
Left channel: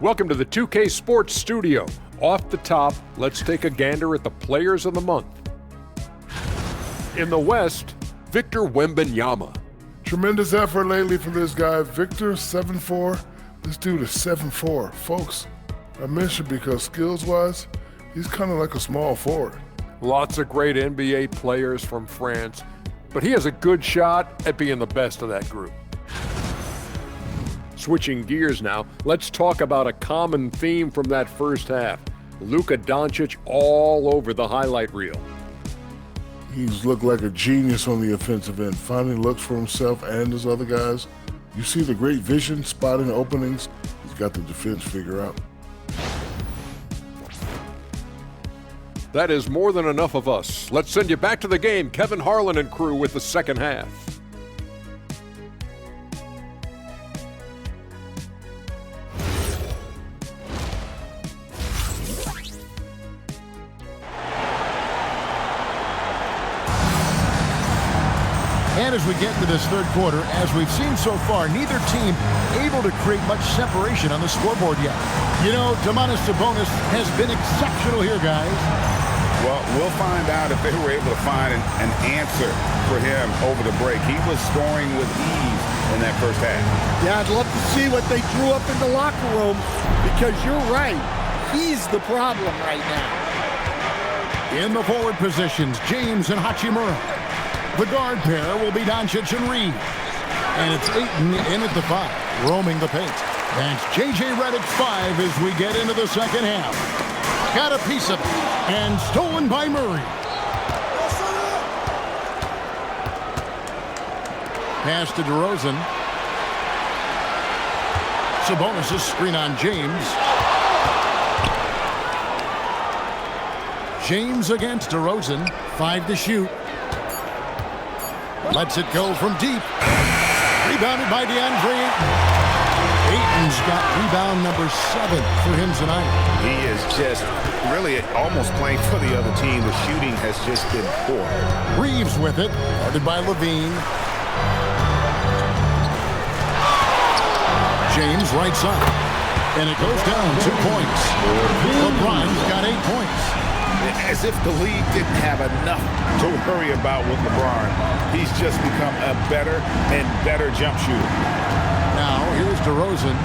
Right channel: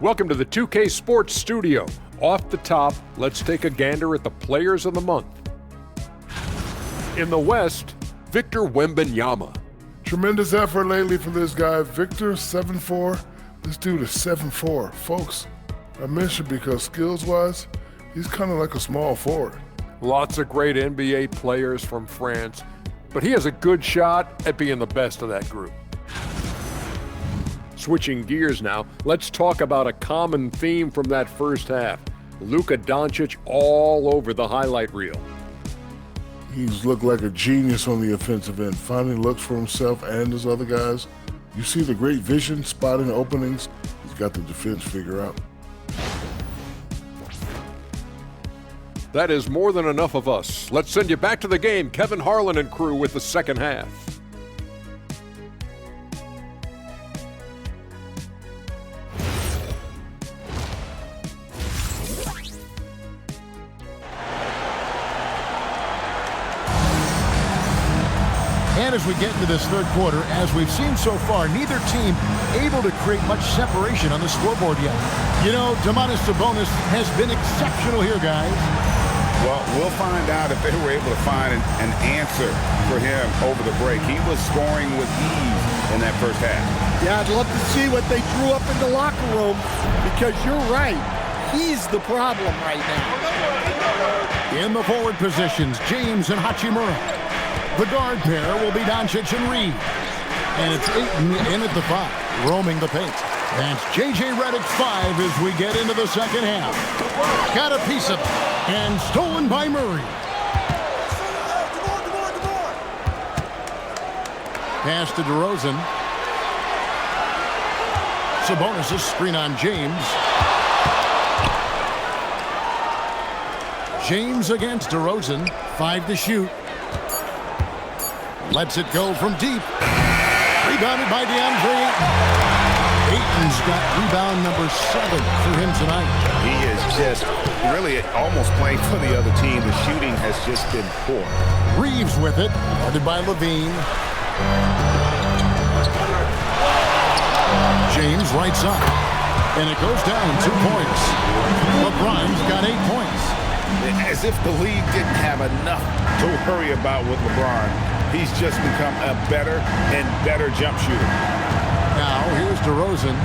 Welcome to the 2K Sports Studio. Off the top, let's take a gander at the Players of the Month. In the West, Victor Wembanyama. Tremendous effort lately for this guy. Victor, 7'4". This dude is 7'4". Folks, I mentioned because skills-wise, he's kind of like a small forward. Lots of great NBA players from France, but he has a good shot at being the best of that group. Switching gears now, let's talk about a common theme from that first half. Luka Doncic all over the highlight reel. He's looked like a genius on the offensive end, finding looks for himself and his other guys. You see the great vision, spotting openings. He's got the defense figured out. That is more than enough of us. Let's send you back to the game. Kevin Harlan and crew with the second half. And as we get into this third quarter, as we've seen so far, neither team able to create much separation on the scoreboard yet. You know, Domantas Sabonis has been exceptional here, guys. Well, we'll find out if they were able to find an answer for him over the break. He was scoring with ease in that first half. Yeah, I'd love to see what they drew up in the locker room, because you're right. He's the problem right now. In the forward positions, James and Hachimura. The guard pair will be Doncic and Reed. And it's Ayton in at the 5, roaming the paint. That's J.J. Redick's 5 as we get into the second half. Got a piece of it. And stolen by Murray. Pass to DeRozan. Sabonis' screen on James. James against DeRozan. 5 to shoot. Lets it go from deep. Rebounded by DeAndre Ayton. Ayton's got rebound number 7 for him tonight. He is just really almost playing for the other team. The shooting has just been poor. Reeves with it, guarded by Levine. James right side. And it goes down 2 points. LeBron's got 8 points. As if the league didn't have enough to worry about with LeBron. He's just become a better and better jump shooter. Now, here's DeRozan.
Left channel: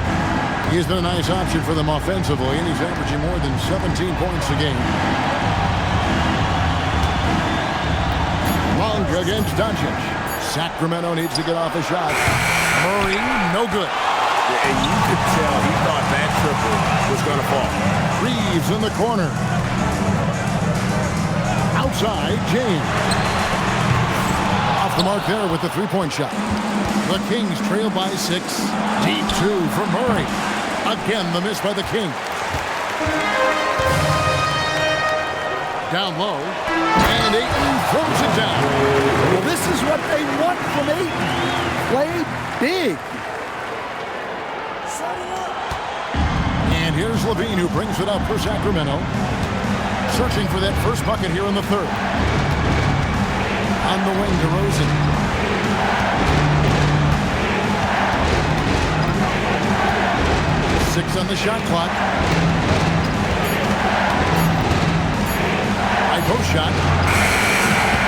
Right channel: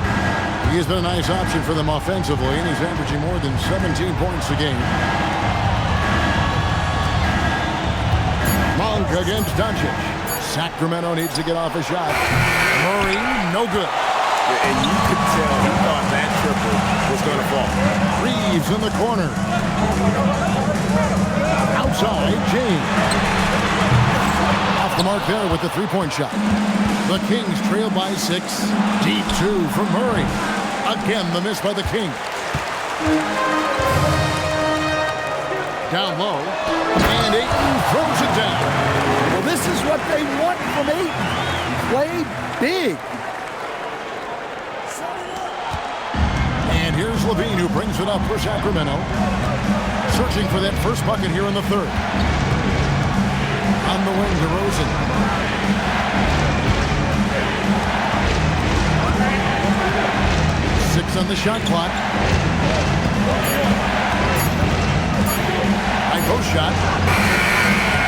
He's been a nice option for them offensively, and he's averaging more than 17 points a game. Monk against Doncic. Sacramento needs to get off a shot. Murray, no good. Yeah, and you could tell he thought that triple was going to fall. Reeves in the corner. Outside, James. Off the mark there with the three-point shot. The Kings trail by 6. Deep 2 from Murray. Again, the miss by the King. Down low. And Ayton throws it down. Well, this is what they want from Ayton. Play big. And here's Levine, who brings it up for Sacramento. Searching for that first bucket here in the third. On the wing, DeRozan. Six on the shot clock. High post shot.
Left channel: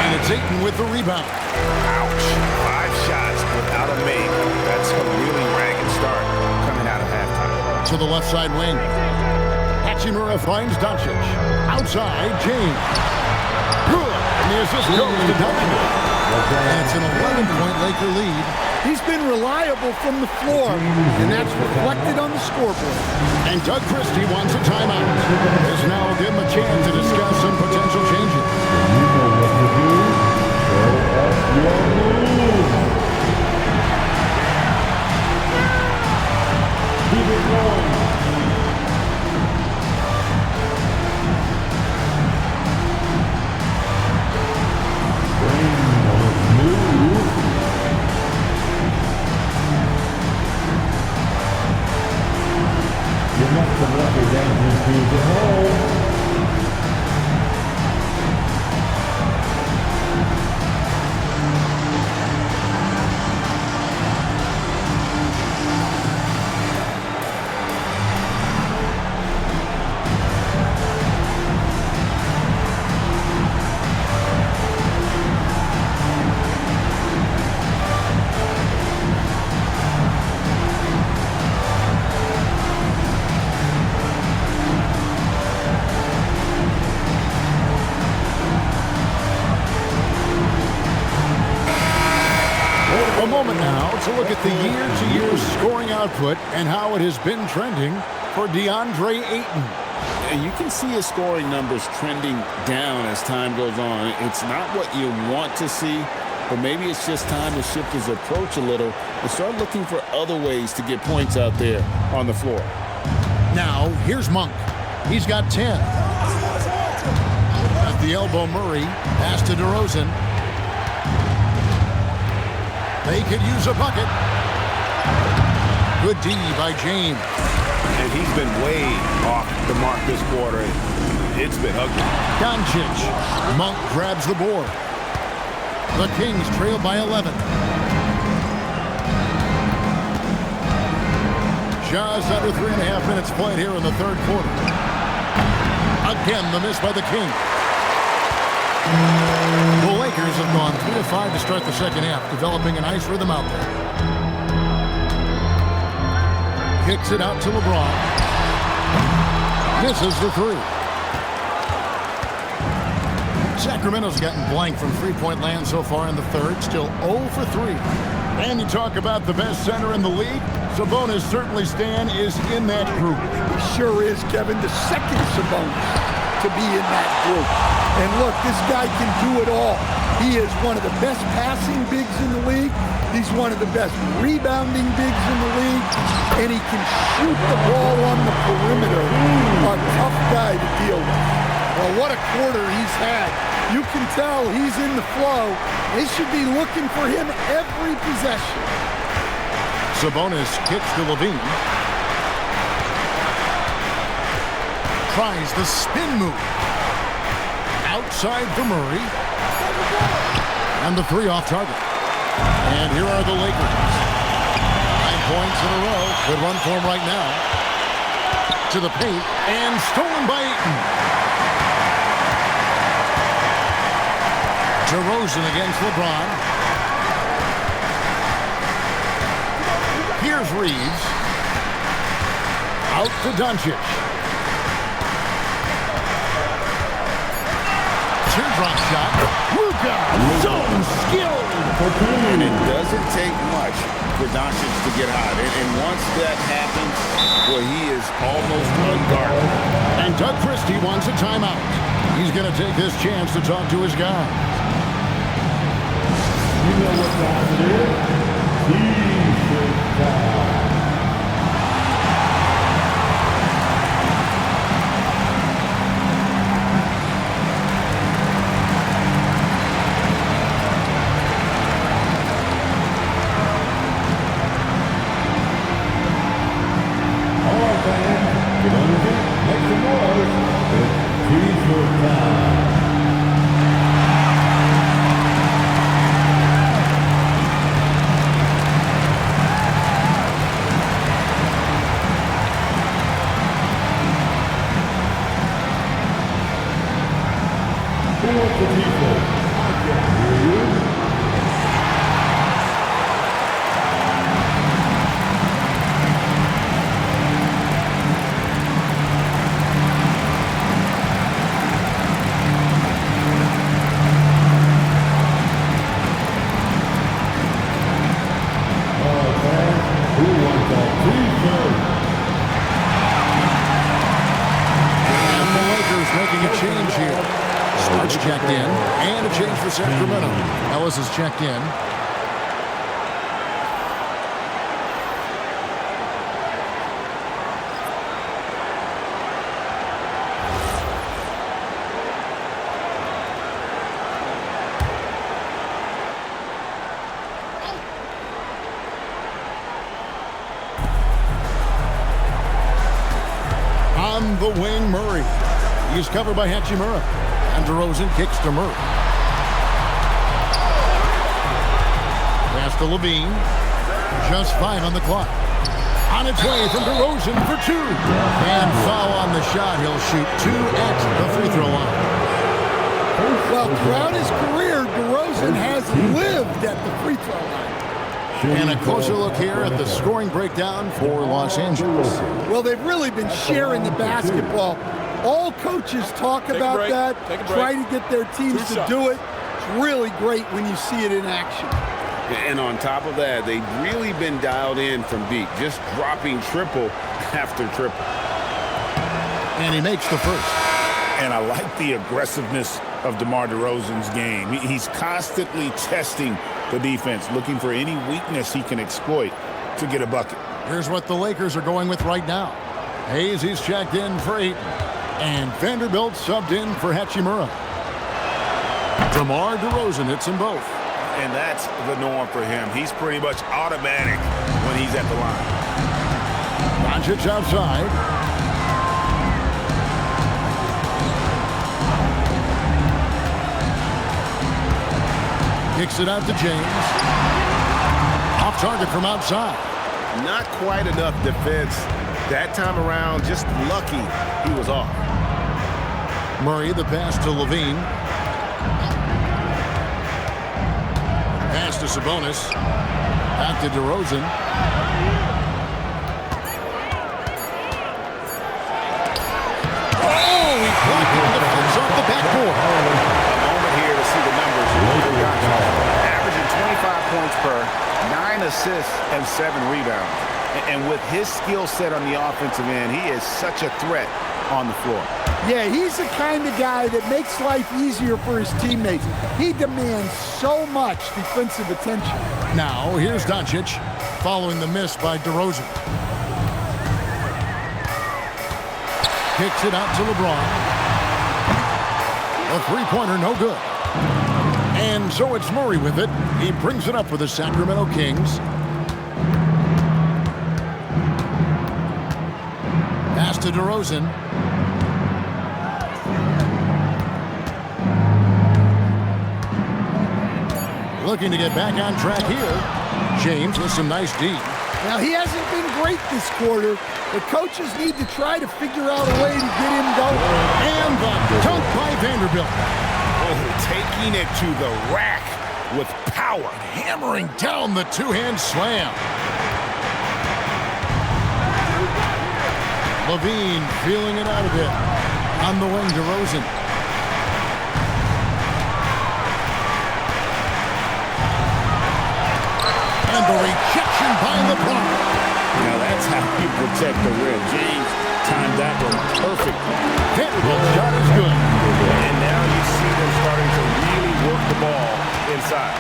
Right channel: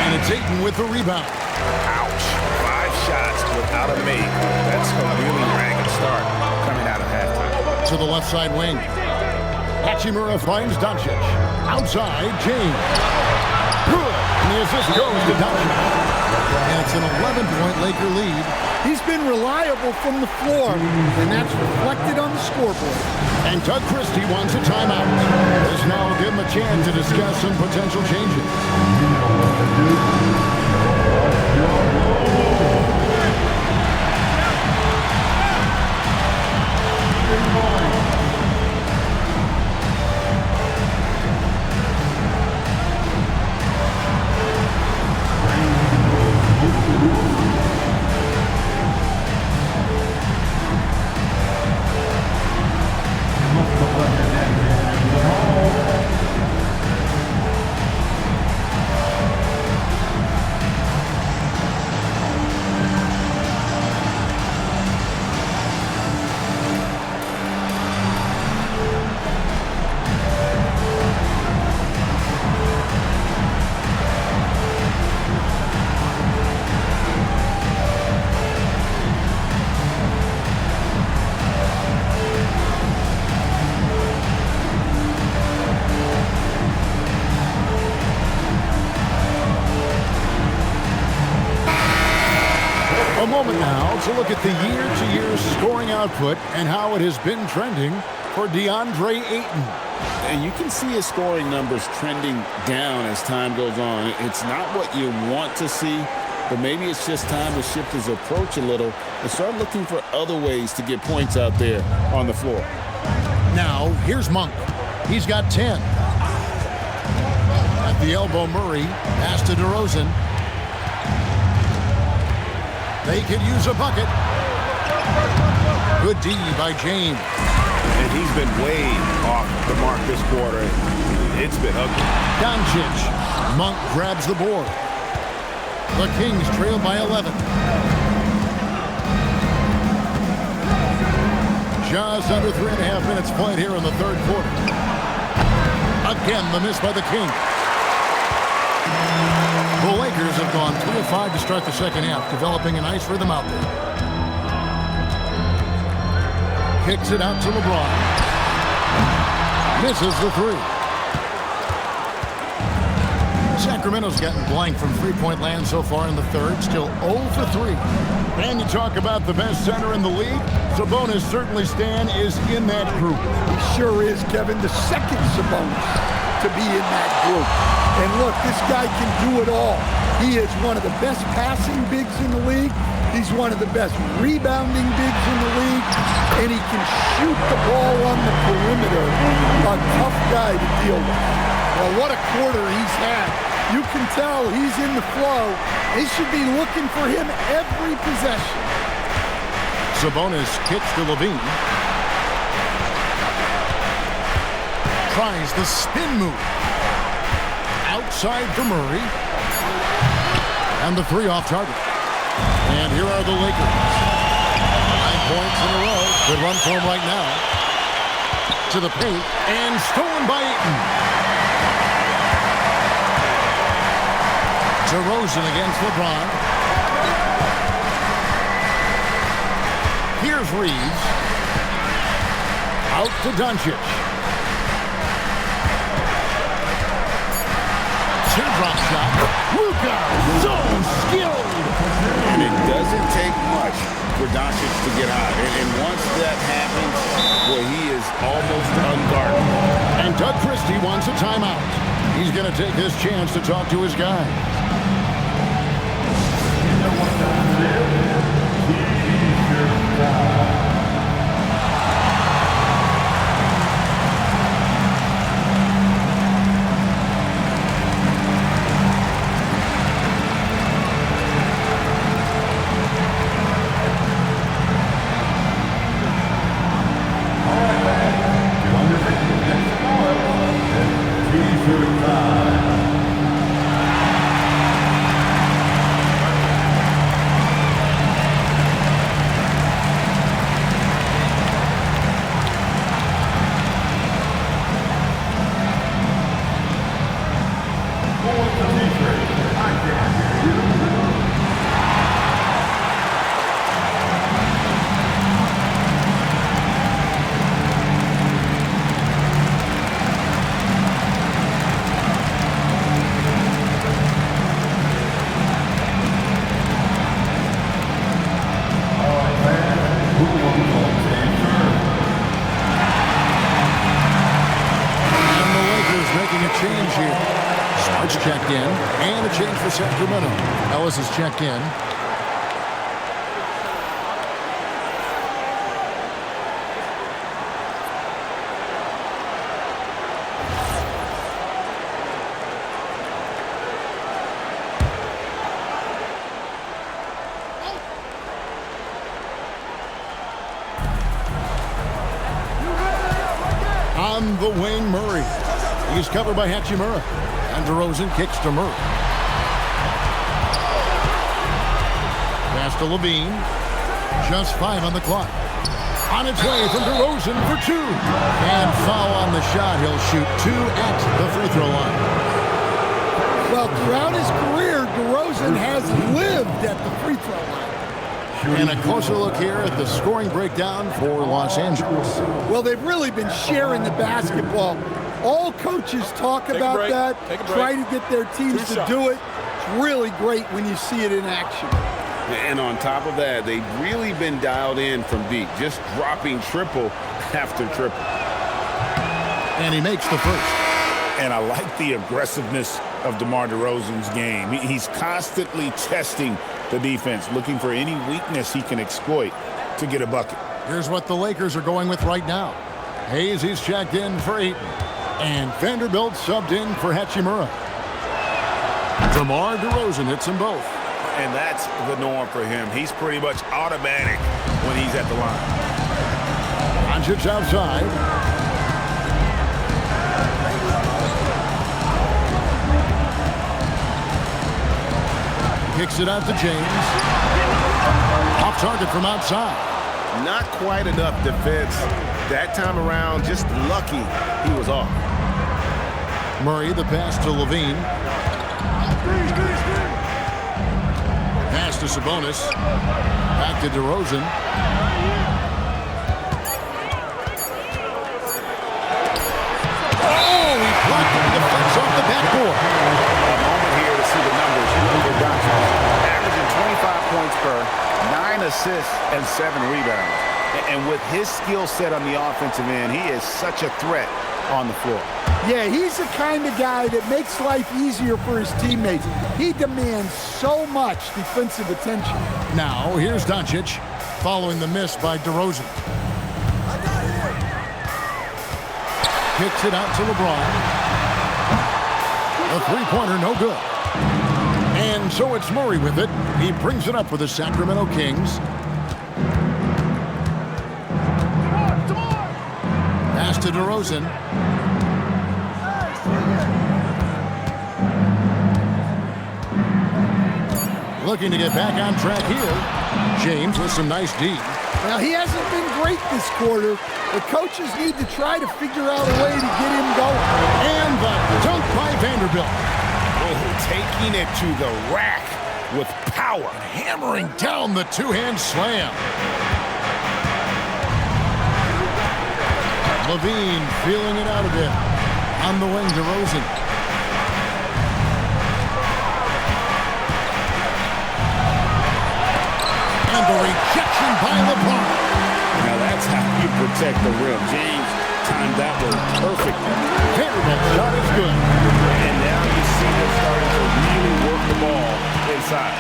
And it's Ayton with the rebound. Ouch. 5 shots without a make. That's a really ragged start coming out of halftime. To the left side wing. Hachimura finds Doncic. Outside, James. Good. And the assist goes to Doncic. And it's an 11-point Laker lead. He's been reliable from the floor, and that's reflected on the scoreboard. And Doug Christie wants a timeout. This now will give him a chance to discuss some potential changes. A moment now to look at the year-to-year scoring output and how it has been trending for DeAndre Ayton. And you can see his scoring numbers trending down as time goes on. It's not what you want to see, But maybe it's just time to shift his approach a little and start looking for other ways to get points out there on the floor. Now, here's Monk. He's got 10. At the elbow, Murray. Pass to DeRozan. They could use a bucket. Good D by James. And he's been way off the mark this quarter. It's been ugly. Doncic. Monk grabs the board. The Kings trail by 11. Just under 3.5 minutes played here in the third quarter. Again, the miss by the Kings. The Lakers have gone 3 of 5 to start the second half, developing a nice rhythm out there. Kicks it out to LeBron. Misses the three. Sacramento's gotten blank from three-point land so far in the third, still 0 for 3. And you talk about the best center in the league, Sabonis certainly, Stan, is in that group. He sure is, Kevin, the second Sabonis to be in that group. And look, this guy can do it all. He is one of the best passing bigs in the league. He's one of the best rebounding bigs in the league. And he can shoot the ball on the perimeter. A tough guy to deal with. Well, what a quarter he's had. You can tell he's in the flow. They should be looking for him every possession. Sabonis kicks to Levine. Tries the spin move. Outside for Murray. And the three off target. And here are the Lakers. 9 points in a row. Good run for him right now. To the paint. And stolen by Ayton. DeRozan against LeBron. Here's Reeves. Out to Doncic. Teardrop shot. Luka, so skilled. And it doesn't take much for Doncic to get hot. And once that happens, well, he is almost unguardable. And Doug Christie wants a timeout. He's going to take this chance to talk to his guys. You know what time it is? T-shirt time. All right, man. Get on your feet. Make some noise. It's T-shirt time. Who wants the T-shirt? I can't hear you. All right, fans. Who wants that T-shirt? And the Lakers making a change here. Smart's checked in, and a change for Sacramento. Ellis is checked in. On the wing, Murray. He's covered by Hachimura. And DeRozan kicks to Murray. Pass to Levine. Just 5 on the clock. On its way from DeRozan for 2. And foul on the shot. He'll shoot 2 at the free throw line. Well, throughout his career, DeRozan has lived at the free throw line. And a closer look here at the scoring breakdown for Los Angeles. Well, they've really been sharing the basketball. All coaches talk about that, try to get their teams to do it. It's really great when you see it in action. And on top of that, they've really been dialed in from deep, just dropping triple after triple. And he makes the first. And I like the aggressiveness of DeMar DeRozan's game. He's constantly testing the defense, looking for any weakness he can exploit to get a bucket. Here's what the Lakers are going with right now. Hayes, he's checked in for Ayton. And Vanderbilt subbed in for Hachimura. DeMar DeRozan hits them both. And that's the norm for him. He's pretty much automatic when he's at the line. Doncic outside. Kicks it out to James. Off target from outside. Not quite enough defense that time around. Just lucky he was off. Murray, the pass to Levine. Pass to Sabonis. Back to DeRozan. Oh, he blocked it and deflects off the backboard. A moment here to see the numbers for Doncic. Averaging 25 points per, 9 assists, and 7 rebounds. And with his skill set on the offensive end, he is such a threat on the floor. Yeah, he's the kind of guy that makes life easier for his teammates. He demands so much defensive attention. Now, here's Doncic, following the miss by DeRozan. Kicks it out to LeBron. A three-pointer, no good. And so it's Murray with it. He brings it up for the Sacramento Kings. Pass to DeRozan. Looking to get back on track here. James with some nice D. Now, he hasn't been great this quarter. The coaches need to try to figure out a way to get him going. And the dunk by Vanderbilt. Oh, taking it to the rack with power. Hammering down the two-hand slam. Levine feeling it out a bit. On the wing, DeRozan. And the rejection by LeBron. Now that's how you protect the rim. James timed that one perfectly. Vanderbilt's shot is good. And now you see them starting to really work the ball inside.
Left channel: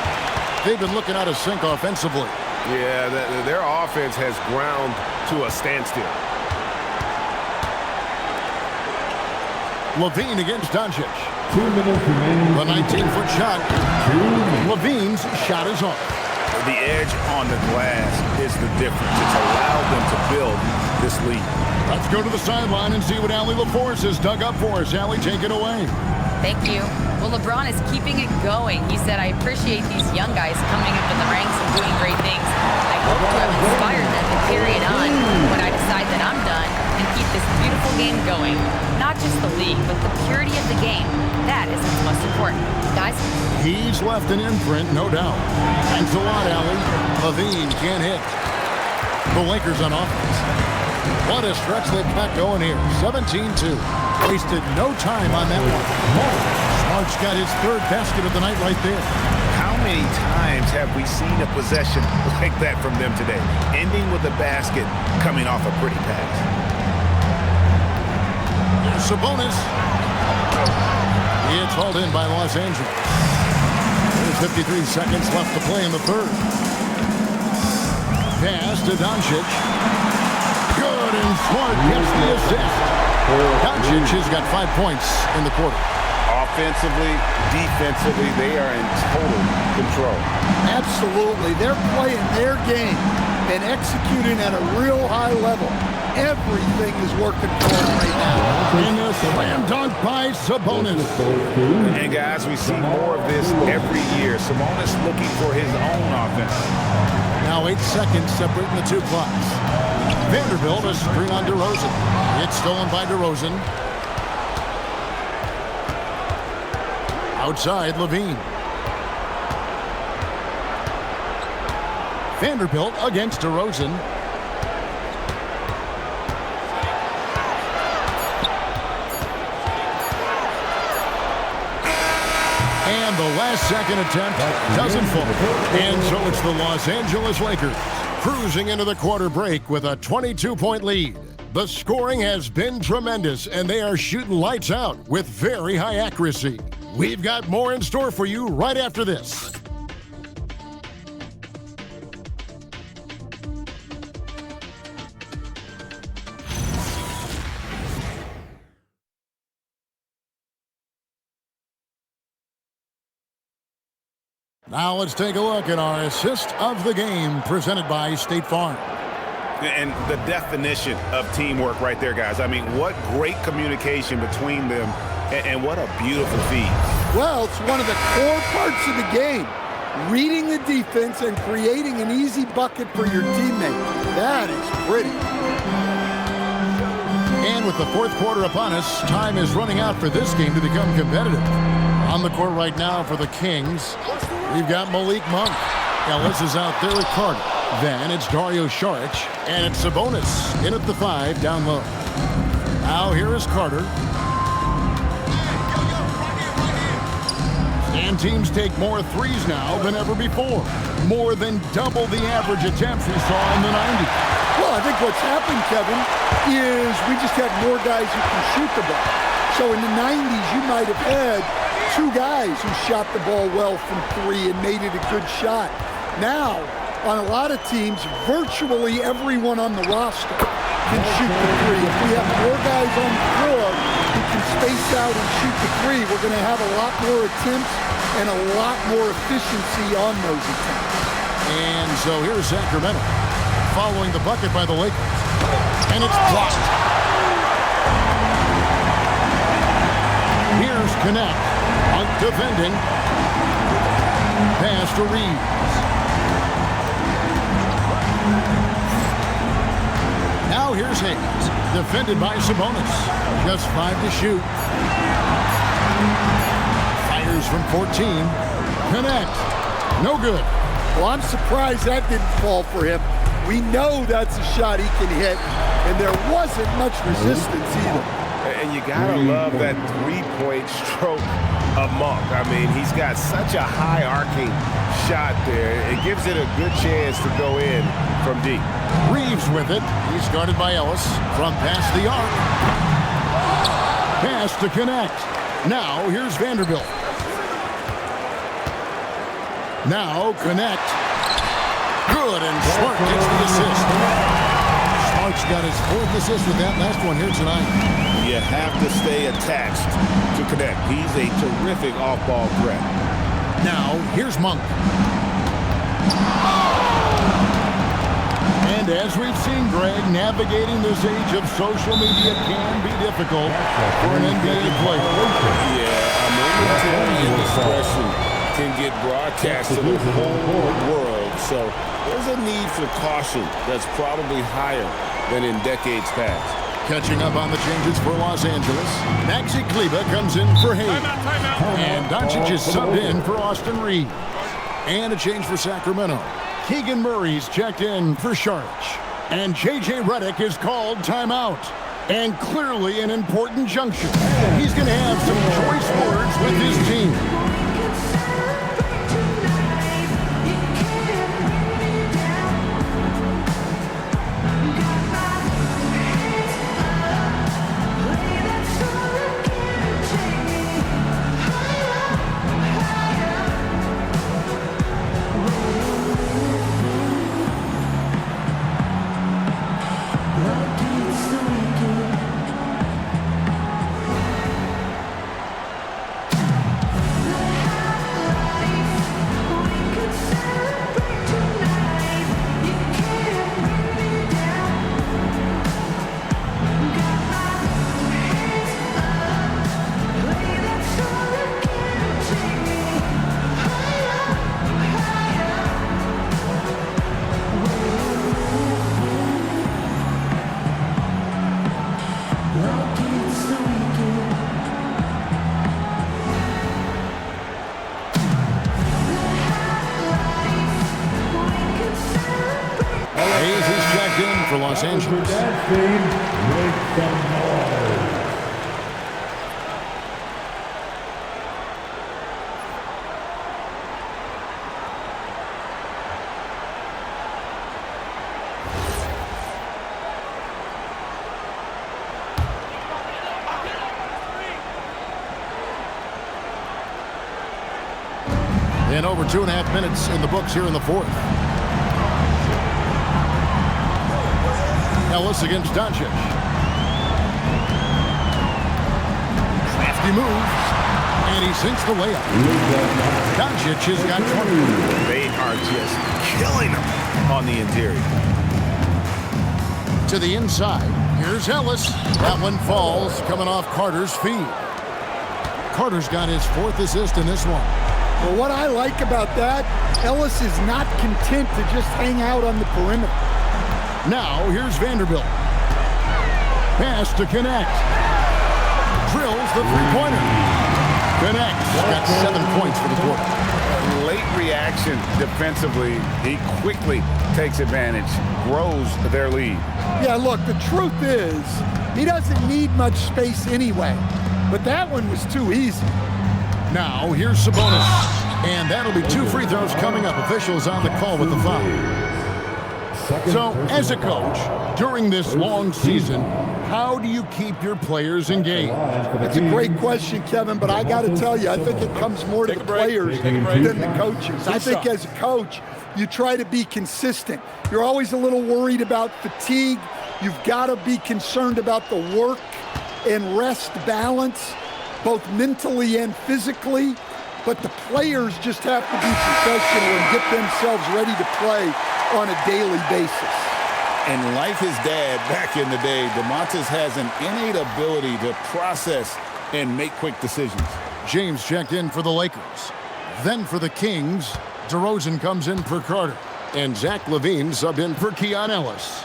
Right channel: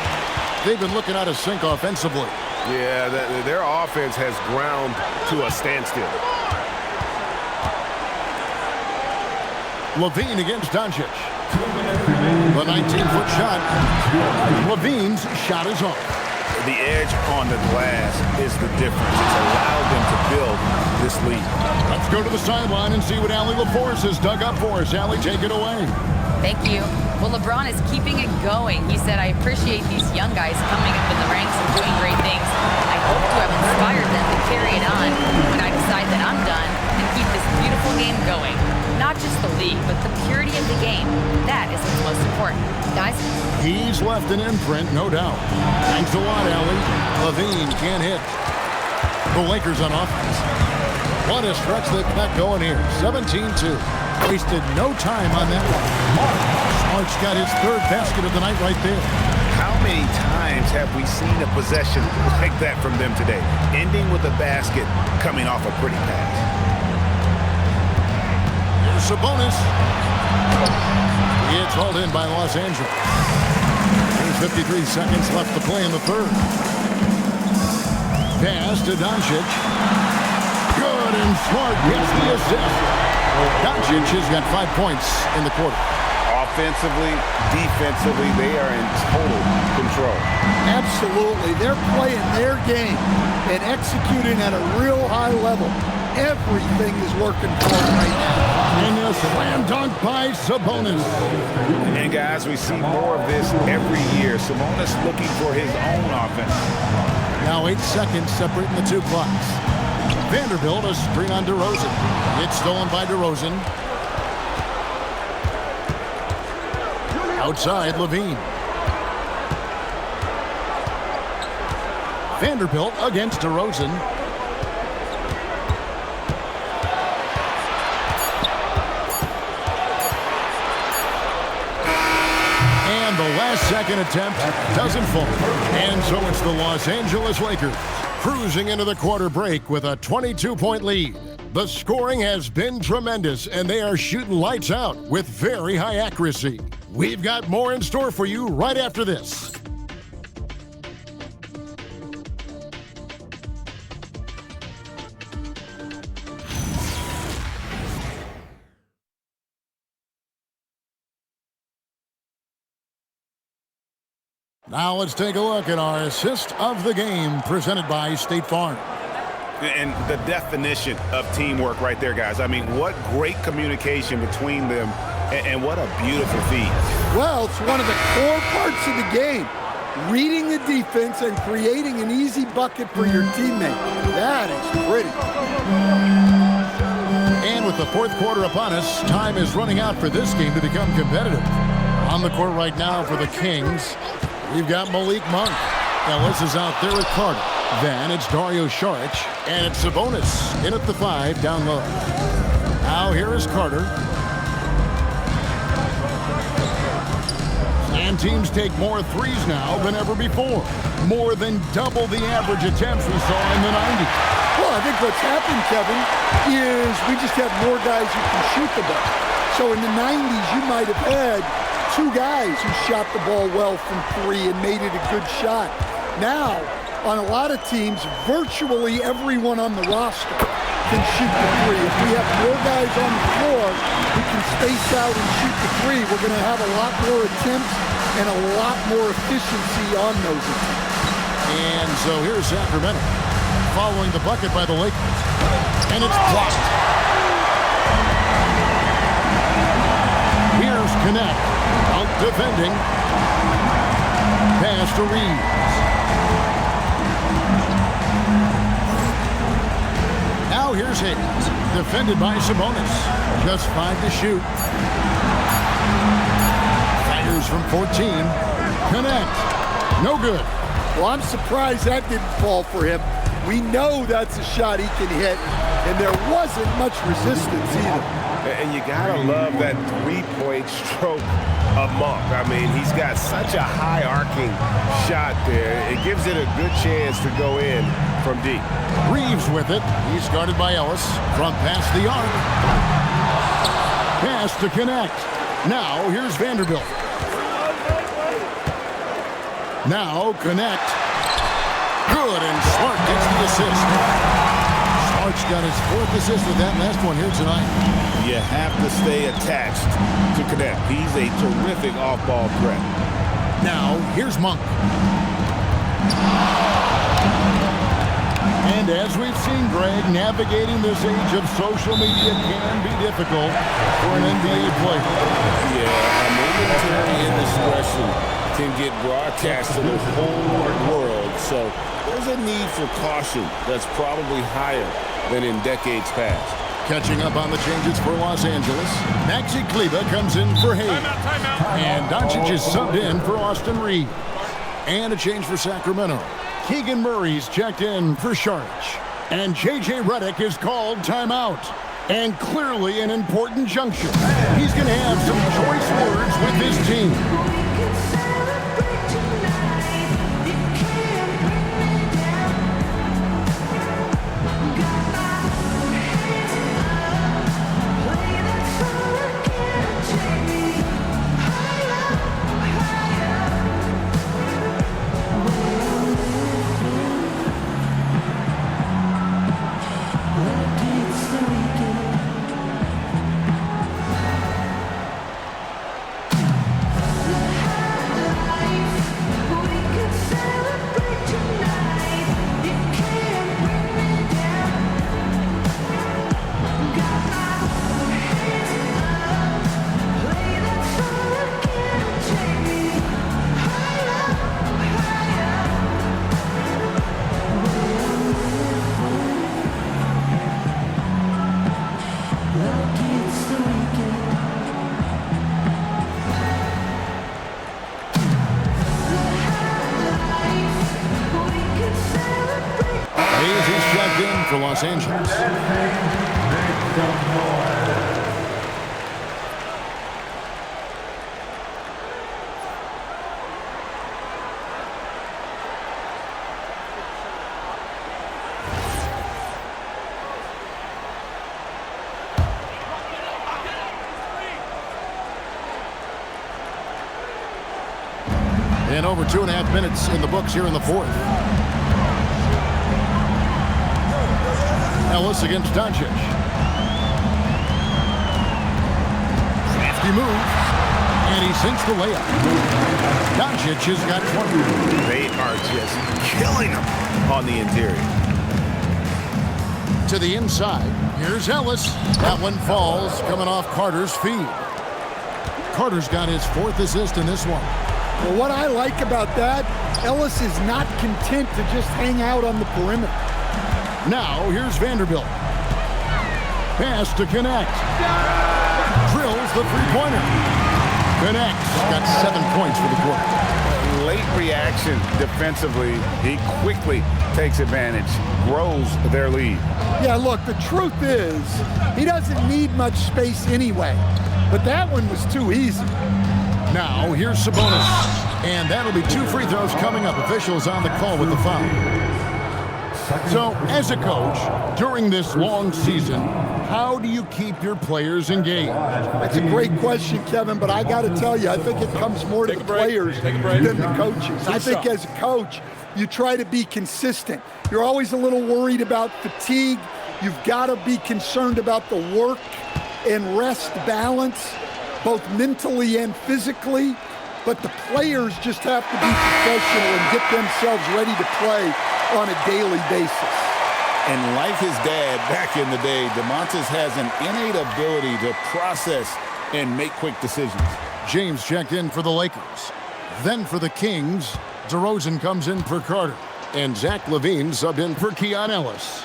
They've been looking out of sync offensively. Yeah, their offense has ground to a standstill. Levine against Doncic. 2 minutes remaining. The 19-foot shot. Levine's shot is off. The edge on the glass is the difference. It's allowed them to build this lead. Let's go to the sideline and see what Allie LaForce has dug up for us. Allie, take it away. Thank you. Well, LeBron is keeping it going. He said, I appreciate these young guys coming up in the ranks and doing great things. I hope to have inspired them to carry it on when I decide that I'm done and keep this beautiful game going. Not just the league, but the purity of the game. That is what's most important. Guys? He's left an imprint, no doubt. Thanks a lot, Allie. Levine can't hit. The Lakers on offense. What a stretch they've got going here. 17-2. Wasted no time on that one. Smart's got his third basket of the night right there. How many times have we seen a possession like that from them today? Ending with a basket, coming off a pretty pass. Here's Sabonis. It's hauled in by Los Angeles. There's 53 seconds left to play in the third. Pass to Doncic. Good, and Smart gets the assist. Doncic has got 5 points in the quarter. Offensively, defensively, they are in total control. Absolutely. They're playing their game and executing at a real high level. Everything is working for them right now. And a slam dunk by Sabonis. And guys, we see more of this every year. Sabonis looking for his own offense. Now 8 seconds separating the two clocks. Vanderbilt, a screen on DeRozan. It's stolen by DeRozan. Outside, Levine. Vanderbilt against DeRozan. And the last second attempt doesn't fall. And so it's the Los Angeles Lakers cruising into the quarter break with a 22-point lead. The scoring has been tremendous, and they are shooting lights out with very high accuracy. We've got more in store for you right after this. Now let's take a look at our assist of the game presented by State Farm. And the definition of teamwork right there, guys. I mean, what great communication between them, and what a beautiful feed. Well, it's one of the core parts of the game. Reading the defense and creating an easy bucket for your teammate. That is pretty. And with the fourth quarter upon us, time is running out for this game to become competitive. On the court right now for the Kings, we've got Malik Monk. Ellis is out there with Carter. Then it's Dario Saric, and it's Sabonis in at the 5 down low. Now here is Carter. And teams take more threes now than ever before. More than double the average attempts we saw in the 90s. Well, I think what's happened, Kevin, is we just have more guys who can shoot the ball. So in the 90s, you might have had 2 guys who shot the ball well from 3 and made it a good shot. Now, on a lot of teams, virtually everyone on the roster can shoot the 3. If we have more guys on the floor who can space out and shoot the 3, we're going to have a lot more attempts and a lot more efficiency on those attempts. And so here's Sacramento following the bucket by the Lakers. And it's blocked. Here's Connect. Monk defending. Pass to Reeves. Now here's Hayes. Defended by Sabonis. Just 5 to shoot. Fires from 14. Connect. No good. Well, I'm surprised that didn't fall for him. We know that's a shot he can hit, and there wasn't much resistance either. And you gotta love that three-point stroke of Monk. I mean, he's got such a high arcing shot there. It gives it a good chance to go in from deep. Reeves with it. He's guarded by Ellis from past the arc. Pass to Connect. Now here's Vanderbilt. Now Connect. Good, and Smart gets the assist. Smart's got his 4th assist with that last one here tonight. You have to stay attached to Connect. He's a terrific off-ball threat. Now, here's Monk. And as we've seen, Greg, navigating this age of social media can be difficult for an NBA player. Yeah, a momentary indiscretion can get broadcast to the whole world. So there's a need for caution that's probably higher than in decades past. Catching up on the changes for Los Angeles, Maxi Kleber comes in for Hayes. Timeout. And Doncic is subbed in for Austin Reeves. And a change for Sacramento. Keegan Murray's checked in for Saric. And J.J. Redick is called timeout. And clearly an important juncture. He's going to have some choice words with his team. Hayes is checked in for Los Angeles. And over 2.5 minutes in the books here in the fourth. Ellis against Doncic. Crafty move. And he sinks the layup. Doncic has got 20. They are just killing him on the interior. To the inside. Here's Ellis. That one falls, coming off Carter's feed. Carter's got his 4th assist in this one. Well, what I like about that, Ellis is not content to just hang out on the perimeter. Now, here's Vanderbilt. Pass to connect. Drills the three-pointer. Connects. Got 7 points for the quarter. Late reaction defensively. He quickly takes advantage, grows their lead. Yeah, look, the truth is, he doesn't need much space anyway. But that one was too easy. Now, here's Sabonis. And that'll be 2 free throws coming up. Officials on the call with the foul. So, as a coach, during this long season, how do you keep your players engaged? That's a great question, Kevin, but I got to tell you, I think it comes more to the players than the coaches. I think as a coach, you try to be consistent. You're always a little worried about fatigue. You've got to be concerned about the work and rest balance, both mentally and physically. But the players just have to be professional and get themselves ready to play on a daily basis. And like his dad back in the day, DeMontis has an innate ability to process and make quick decisions. James checked in for the Lakers. Then for the Kings, DeRozan comes in for Carter. And Zach LaVine subbed in for Keon Ellis.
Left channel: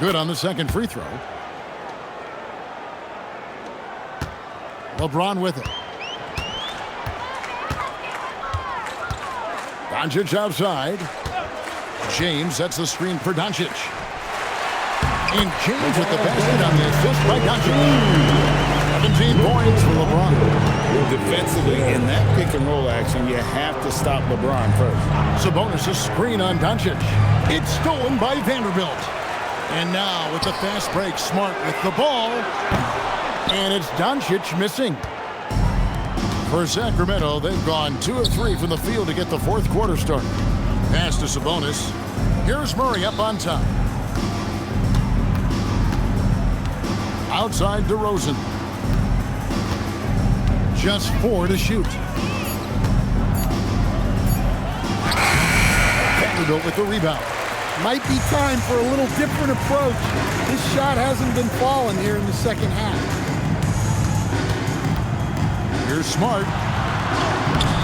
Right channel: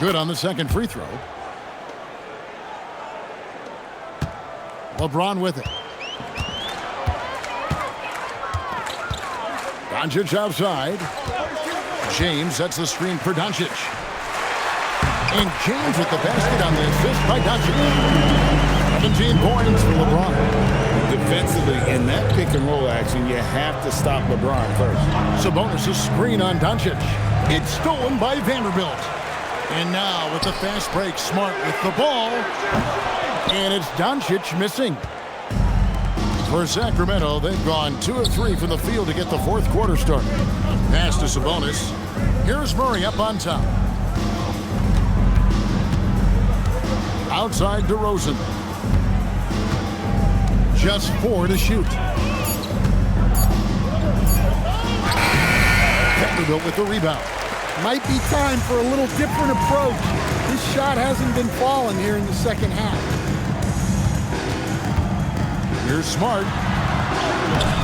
Good on the second free throw. LeBron with it. Doncic outside. James sets the screen for Doncic. And James with the basket on the assist by Doncic. 17 points for LeBron. Defensively, in that pick and roll action, you have to stop LeBron first. Sabonis' screen on Doncic. It's stolen by Vanderbilt. And now with the fast break, Smart with the ball. And it's Doncic missing. For Sacramento, they've gone 2 of 3 from the field to get the fourth quarter started. Pass to Sabonis. Here's Murray up on top. Outside DeRozan. Just 4 to shoot. Vanderbilt with the rebound. Might be time for a little different approach. His shot hasn't been falling here in the second half. Here's Smart.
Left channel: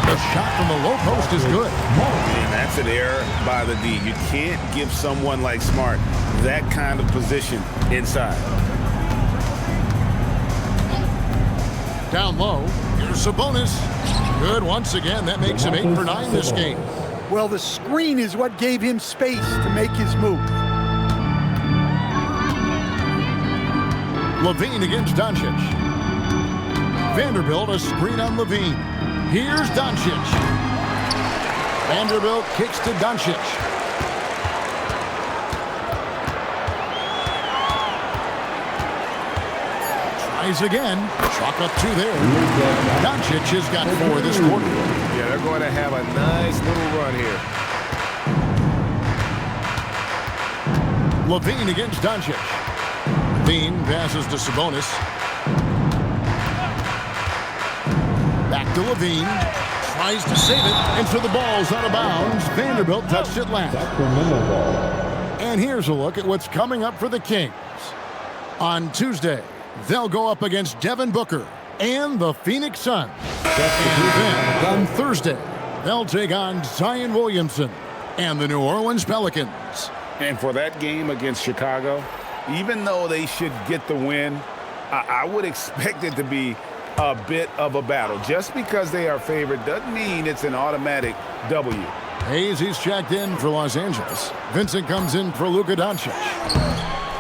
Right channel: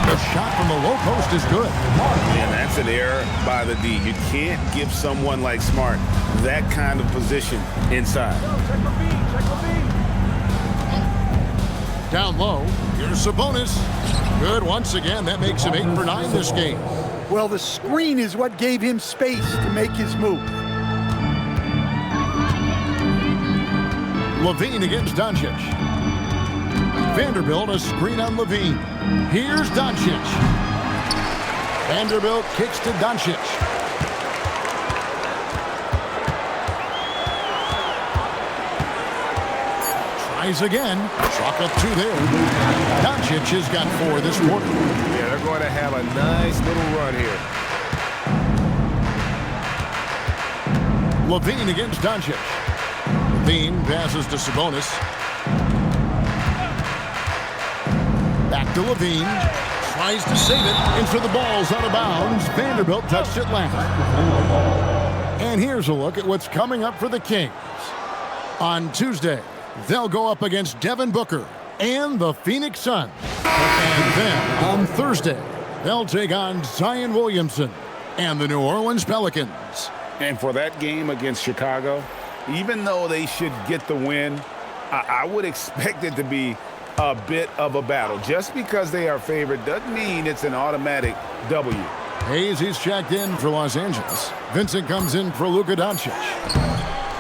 The shot from the low post is good. And that's an error by the D. You can't give someone like Smart that kind of position inside. Down low. Here's Sabonis. Good once again. That makes him 8 for 9 this game. Well, the screen is what gave him space to make his move. LaVine against Doncic. Vanderbilt a screen on LaVine. Here's Doncic. Vanderbilt kicks to Doncic. Tries again. Chalk up 2 there. Doncic has got 4 this quarter. Yeah, they're going to have a nice little run here. LaVine against Doncic. LaVine passes to Sabonis. Back to LaVine. Tries to save it, and so the ball's out of bounds. Vanderbilt touched it last. And here's a look at what's coming up for the Kings. On Tuesday, they'll go up against Devin Booker and the Phoenix Suns. And then on Thursday, they'll take on Zion Williamson and the New Orleans Pelicans. And for that game against Chicago, even though they should get the win, I would expect it to be a bit of a battle. Just because they are favored doesn't mean it's an automatic W. Hayes, he's checked in for Los Angeles. Vincent comes in for Luka Doncic.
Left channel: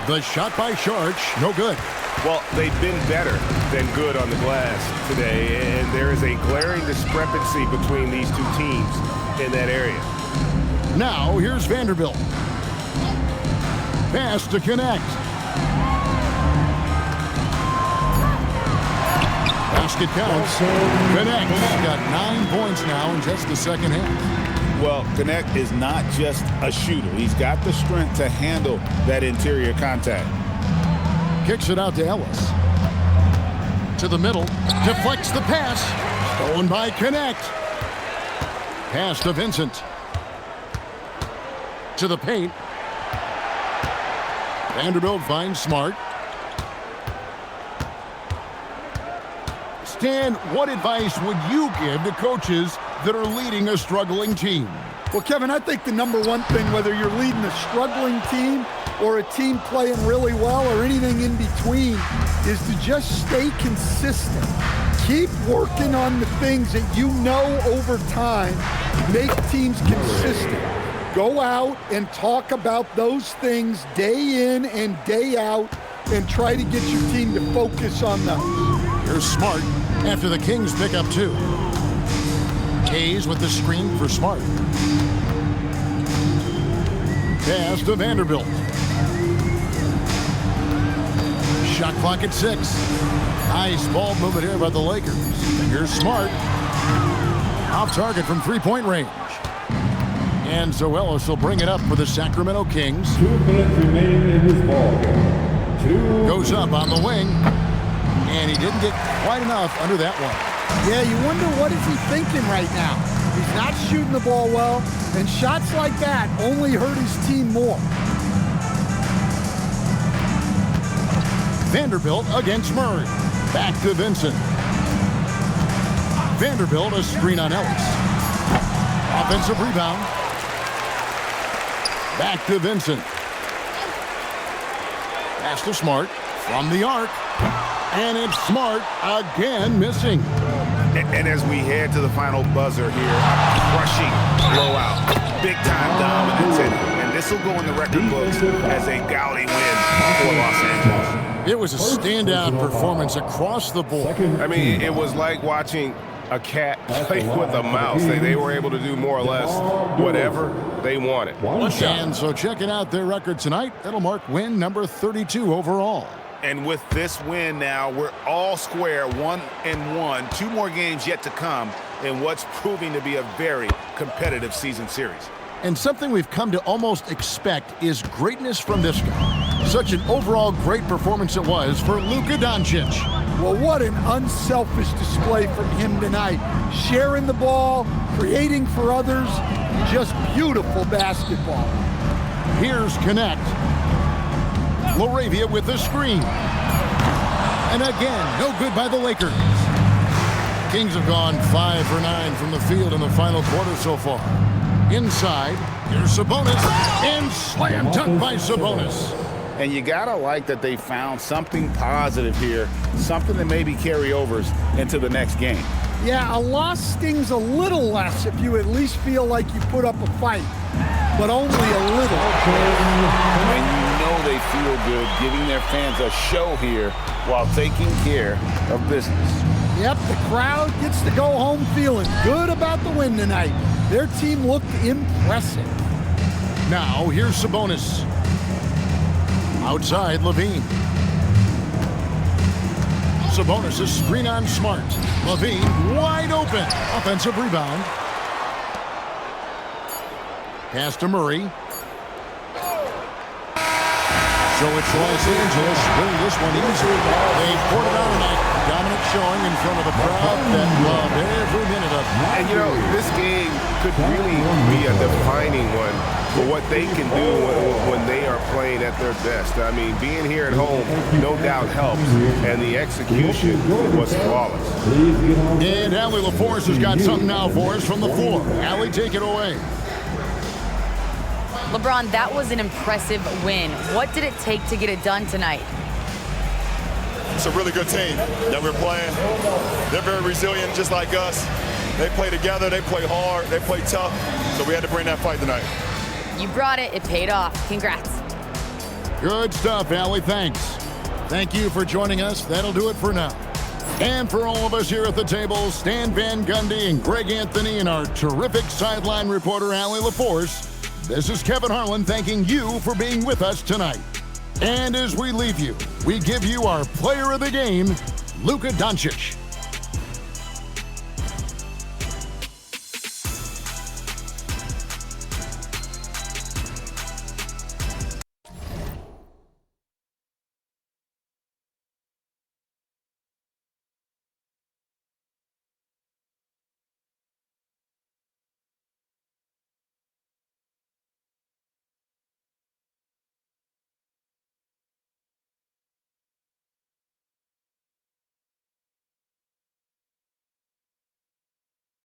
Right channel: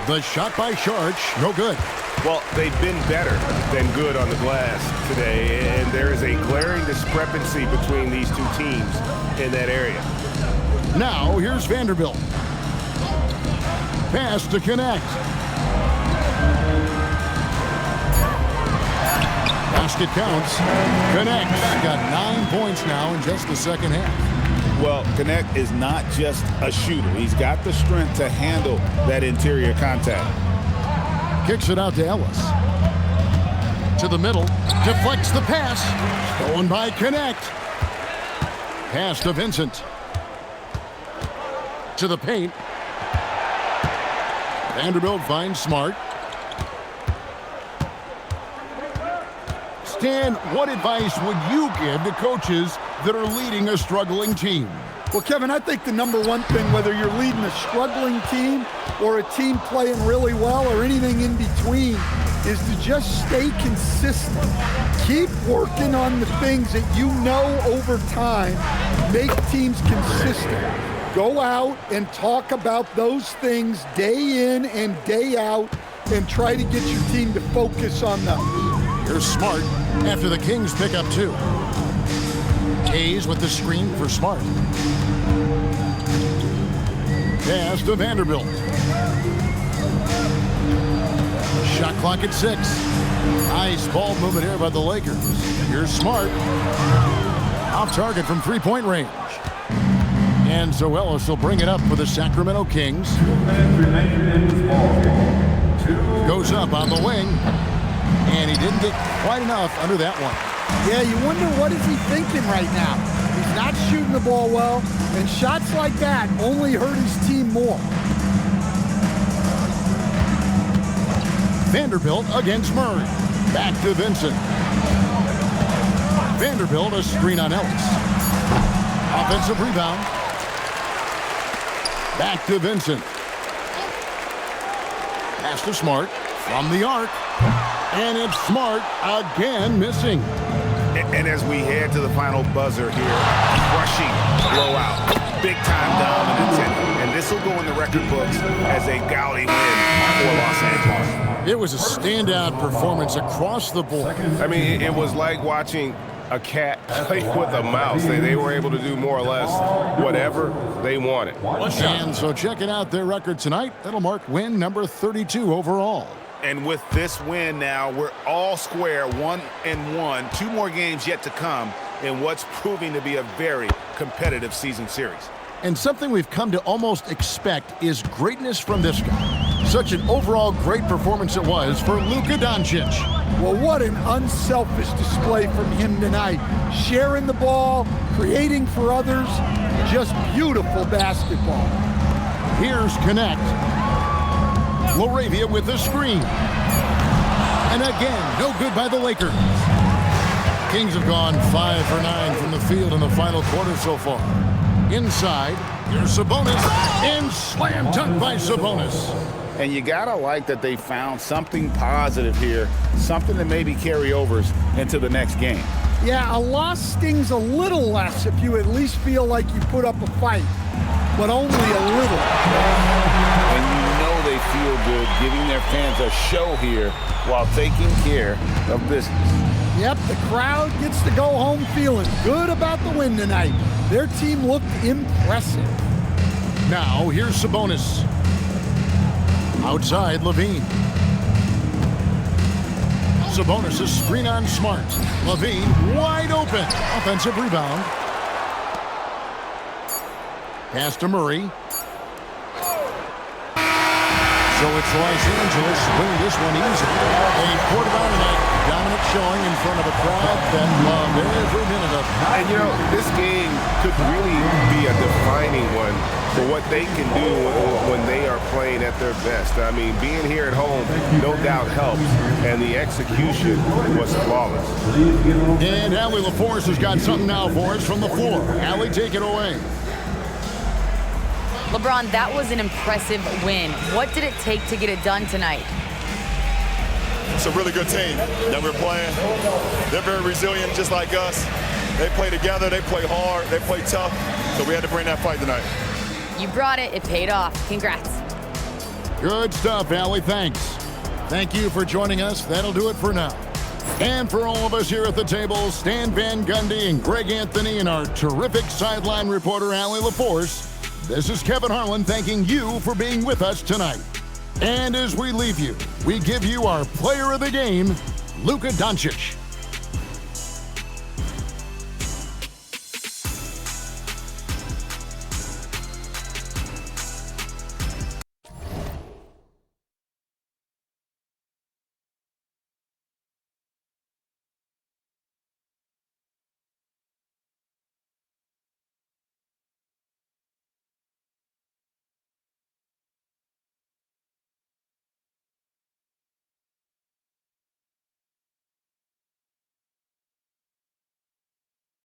The shot by Sharch, no good. Well, they've been better than good on the glass today, and there is a glaring discrepancy between these two teams in that area. Now, here's Vanderbilt. Pass to connect. basket counts. Connect's got 9 points now in just the second half. Well, Connect is not just a shooter. He's got the strength to handle that interior contact. Kicks it out to Ellis. To the middle. Deflects the pass. Stolen by Connect. Pass to Vincent. To the paint. Vanderbilt finds Smart. Stan, what advice would you give to coaches that are leading a struggling team? Well, Kevin, I think the number one thing, whether you're leading a struggling team or a team playing really well or anything in between, is to just stay consistent. Keep working on the things that you know over time make teams consistent. Go out and talk about those things day in and day out and try to get your team to focus on those. Here's Smart after the Kings pick up 2. Hayes with the screen for Smart. Pass to Vanderbilt. Shot clock at 6. Nice ball movement here by the Lakers. Here's Smart. Off target from three-point range. And Zoelis will bring it up for the Sacramento Kings. 2 minutes remaining in this ball game. Goes up on the wing. And he didn't get quite enough under that one. Yeah, you wonder what is he thinking right now. He's not shooting the ball well, and shots like that only hurt his team more. Vanderbilt against Murray. Back to Vincent. Vanderbilt a screen on Ellis. Offensive rebound. Back to Vincent. Pass to Smart from the arc. And it's Smart again missing. And as we head to the final buzzer here, a crushing blowout, big-time dominance, and this will go in the record books as a gaudy win for Los Angeles. It was a standout performance across the board. I mean, it was like watching a cat play with a mouse. They were able to do more or less whatever they wanted. And so checking out their record tonight, that'll mark win number 32 overall. And with this win now, we're all square, 1-1. 2 more games yet to come in what's proving to be a very competitive season series. And something we've come to almost expect is greatness from this guy. Such an overall great performance it was for Luka Doncic. Well, what an unselfish display from him tonight. Sharing the ball, creating for others, just beautiful basketball. Here's Connect. Laravia with the screen. And again, no good by the Lakers. Kings have gone 5 for 9 from the field in the final quarter so far. Inside, here's Sabonis, and slam dunk by Sabonis. And you gotta like that they found something positive here, something that maybe carry overs into the next game. Yeah, a loss stings a little less if you at least feel like you put up a fight, but only a little. And you know they feel good giving their fans a show here while taking care of business. Yep, the crowd gets to go home feeling good about the win tonight. Their team looked impressive. Now, here's Sabonis. Outside, Levine. Sabonis, a screen on Smart. Levine, wide open. Offensive rebound. Pass to Murray. So it's Los Angeles winning this one easily. They poured it on tonight. Dominant showing in front of a crowd that loved every minute of it. And, you know, this game could really be a defining one for what they can do when they are playing at their best. I mean, being here at home, no doubt helps, and the execution was flawless. And Allie LaForce has got something now for us from the floor. Allie, take it away. LeBron, that was an impressive win. What did it take to get it done tonight? It's a really good team that we're playing. They're very resilient, just like us. They play together, they play hard, they play tough, so we had to bring that fight tonight. You brought it. It paid off. Congrats. Good stuff, Allie. Thanks. Thank you for joining us. That'll do it for now. And for all of us here at the table, Stan Van Gundy and Greg Anthony and our terrific sideline reporter, Allie LaForce, this is Kevin Harlan thanking you for being with us tonight. And as we leave you, we give you our player of the game, Luka Doncic.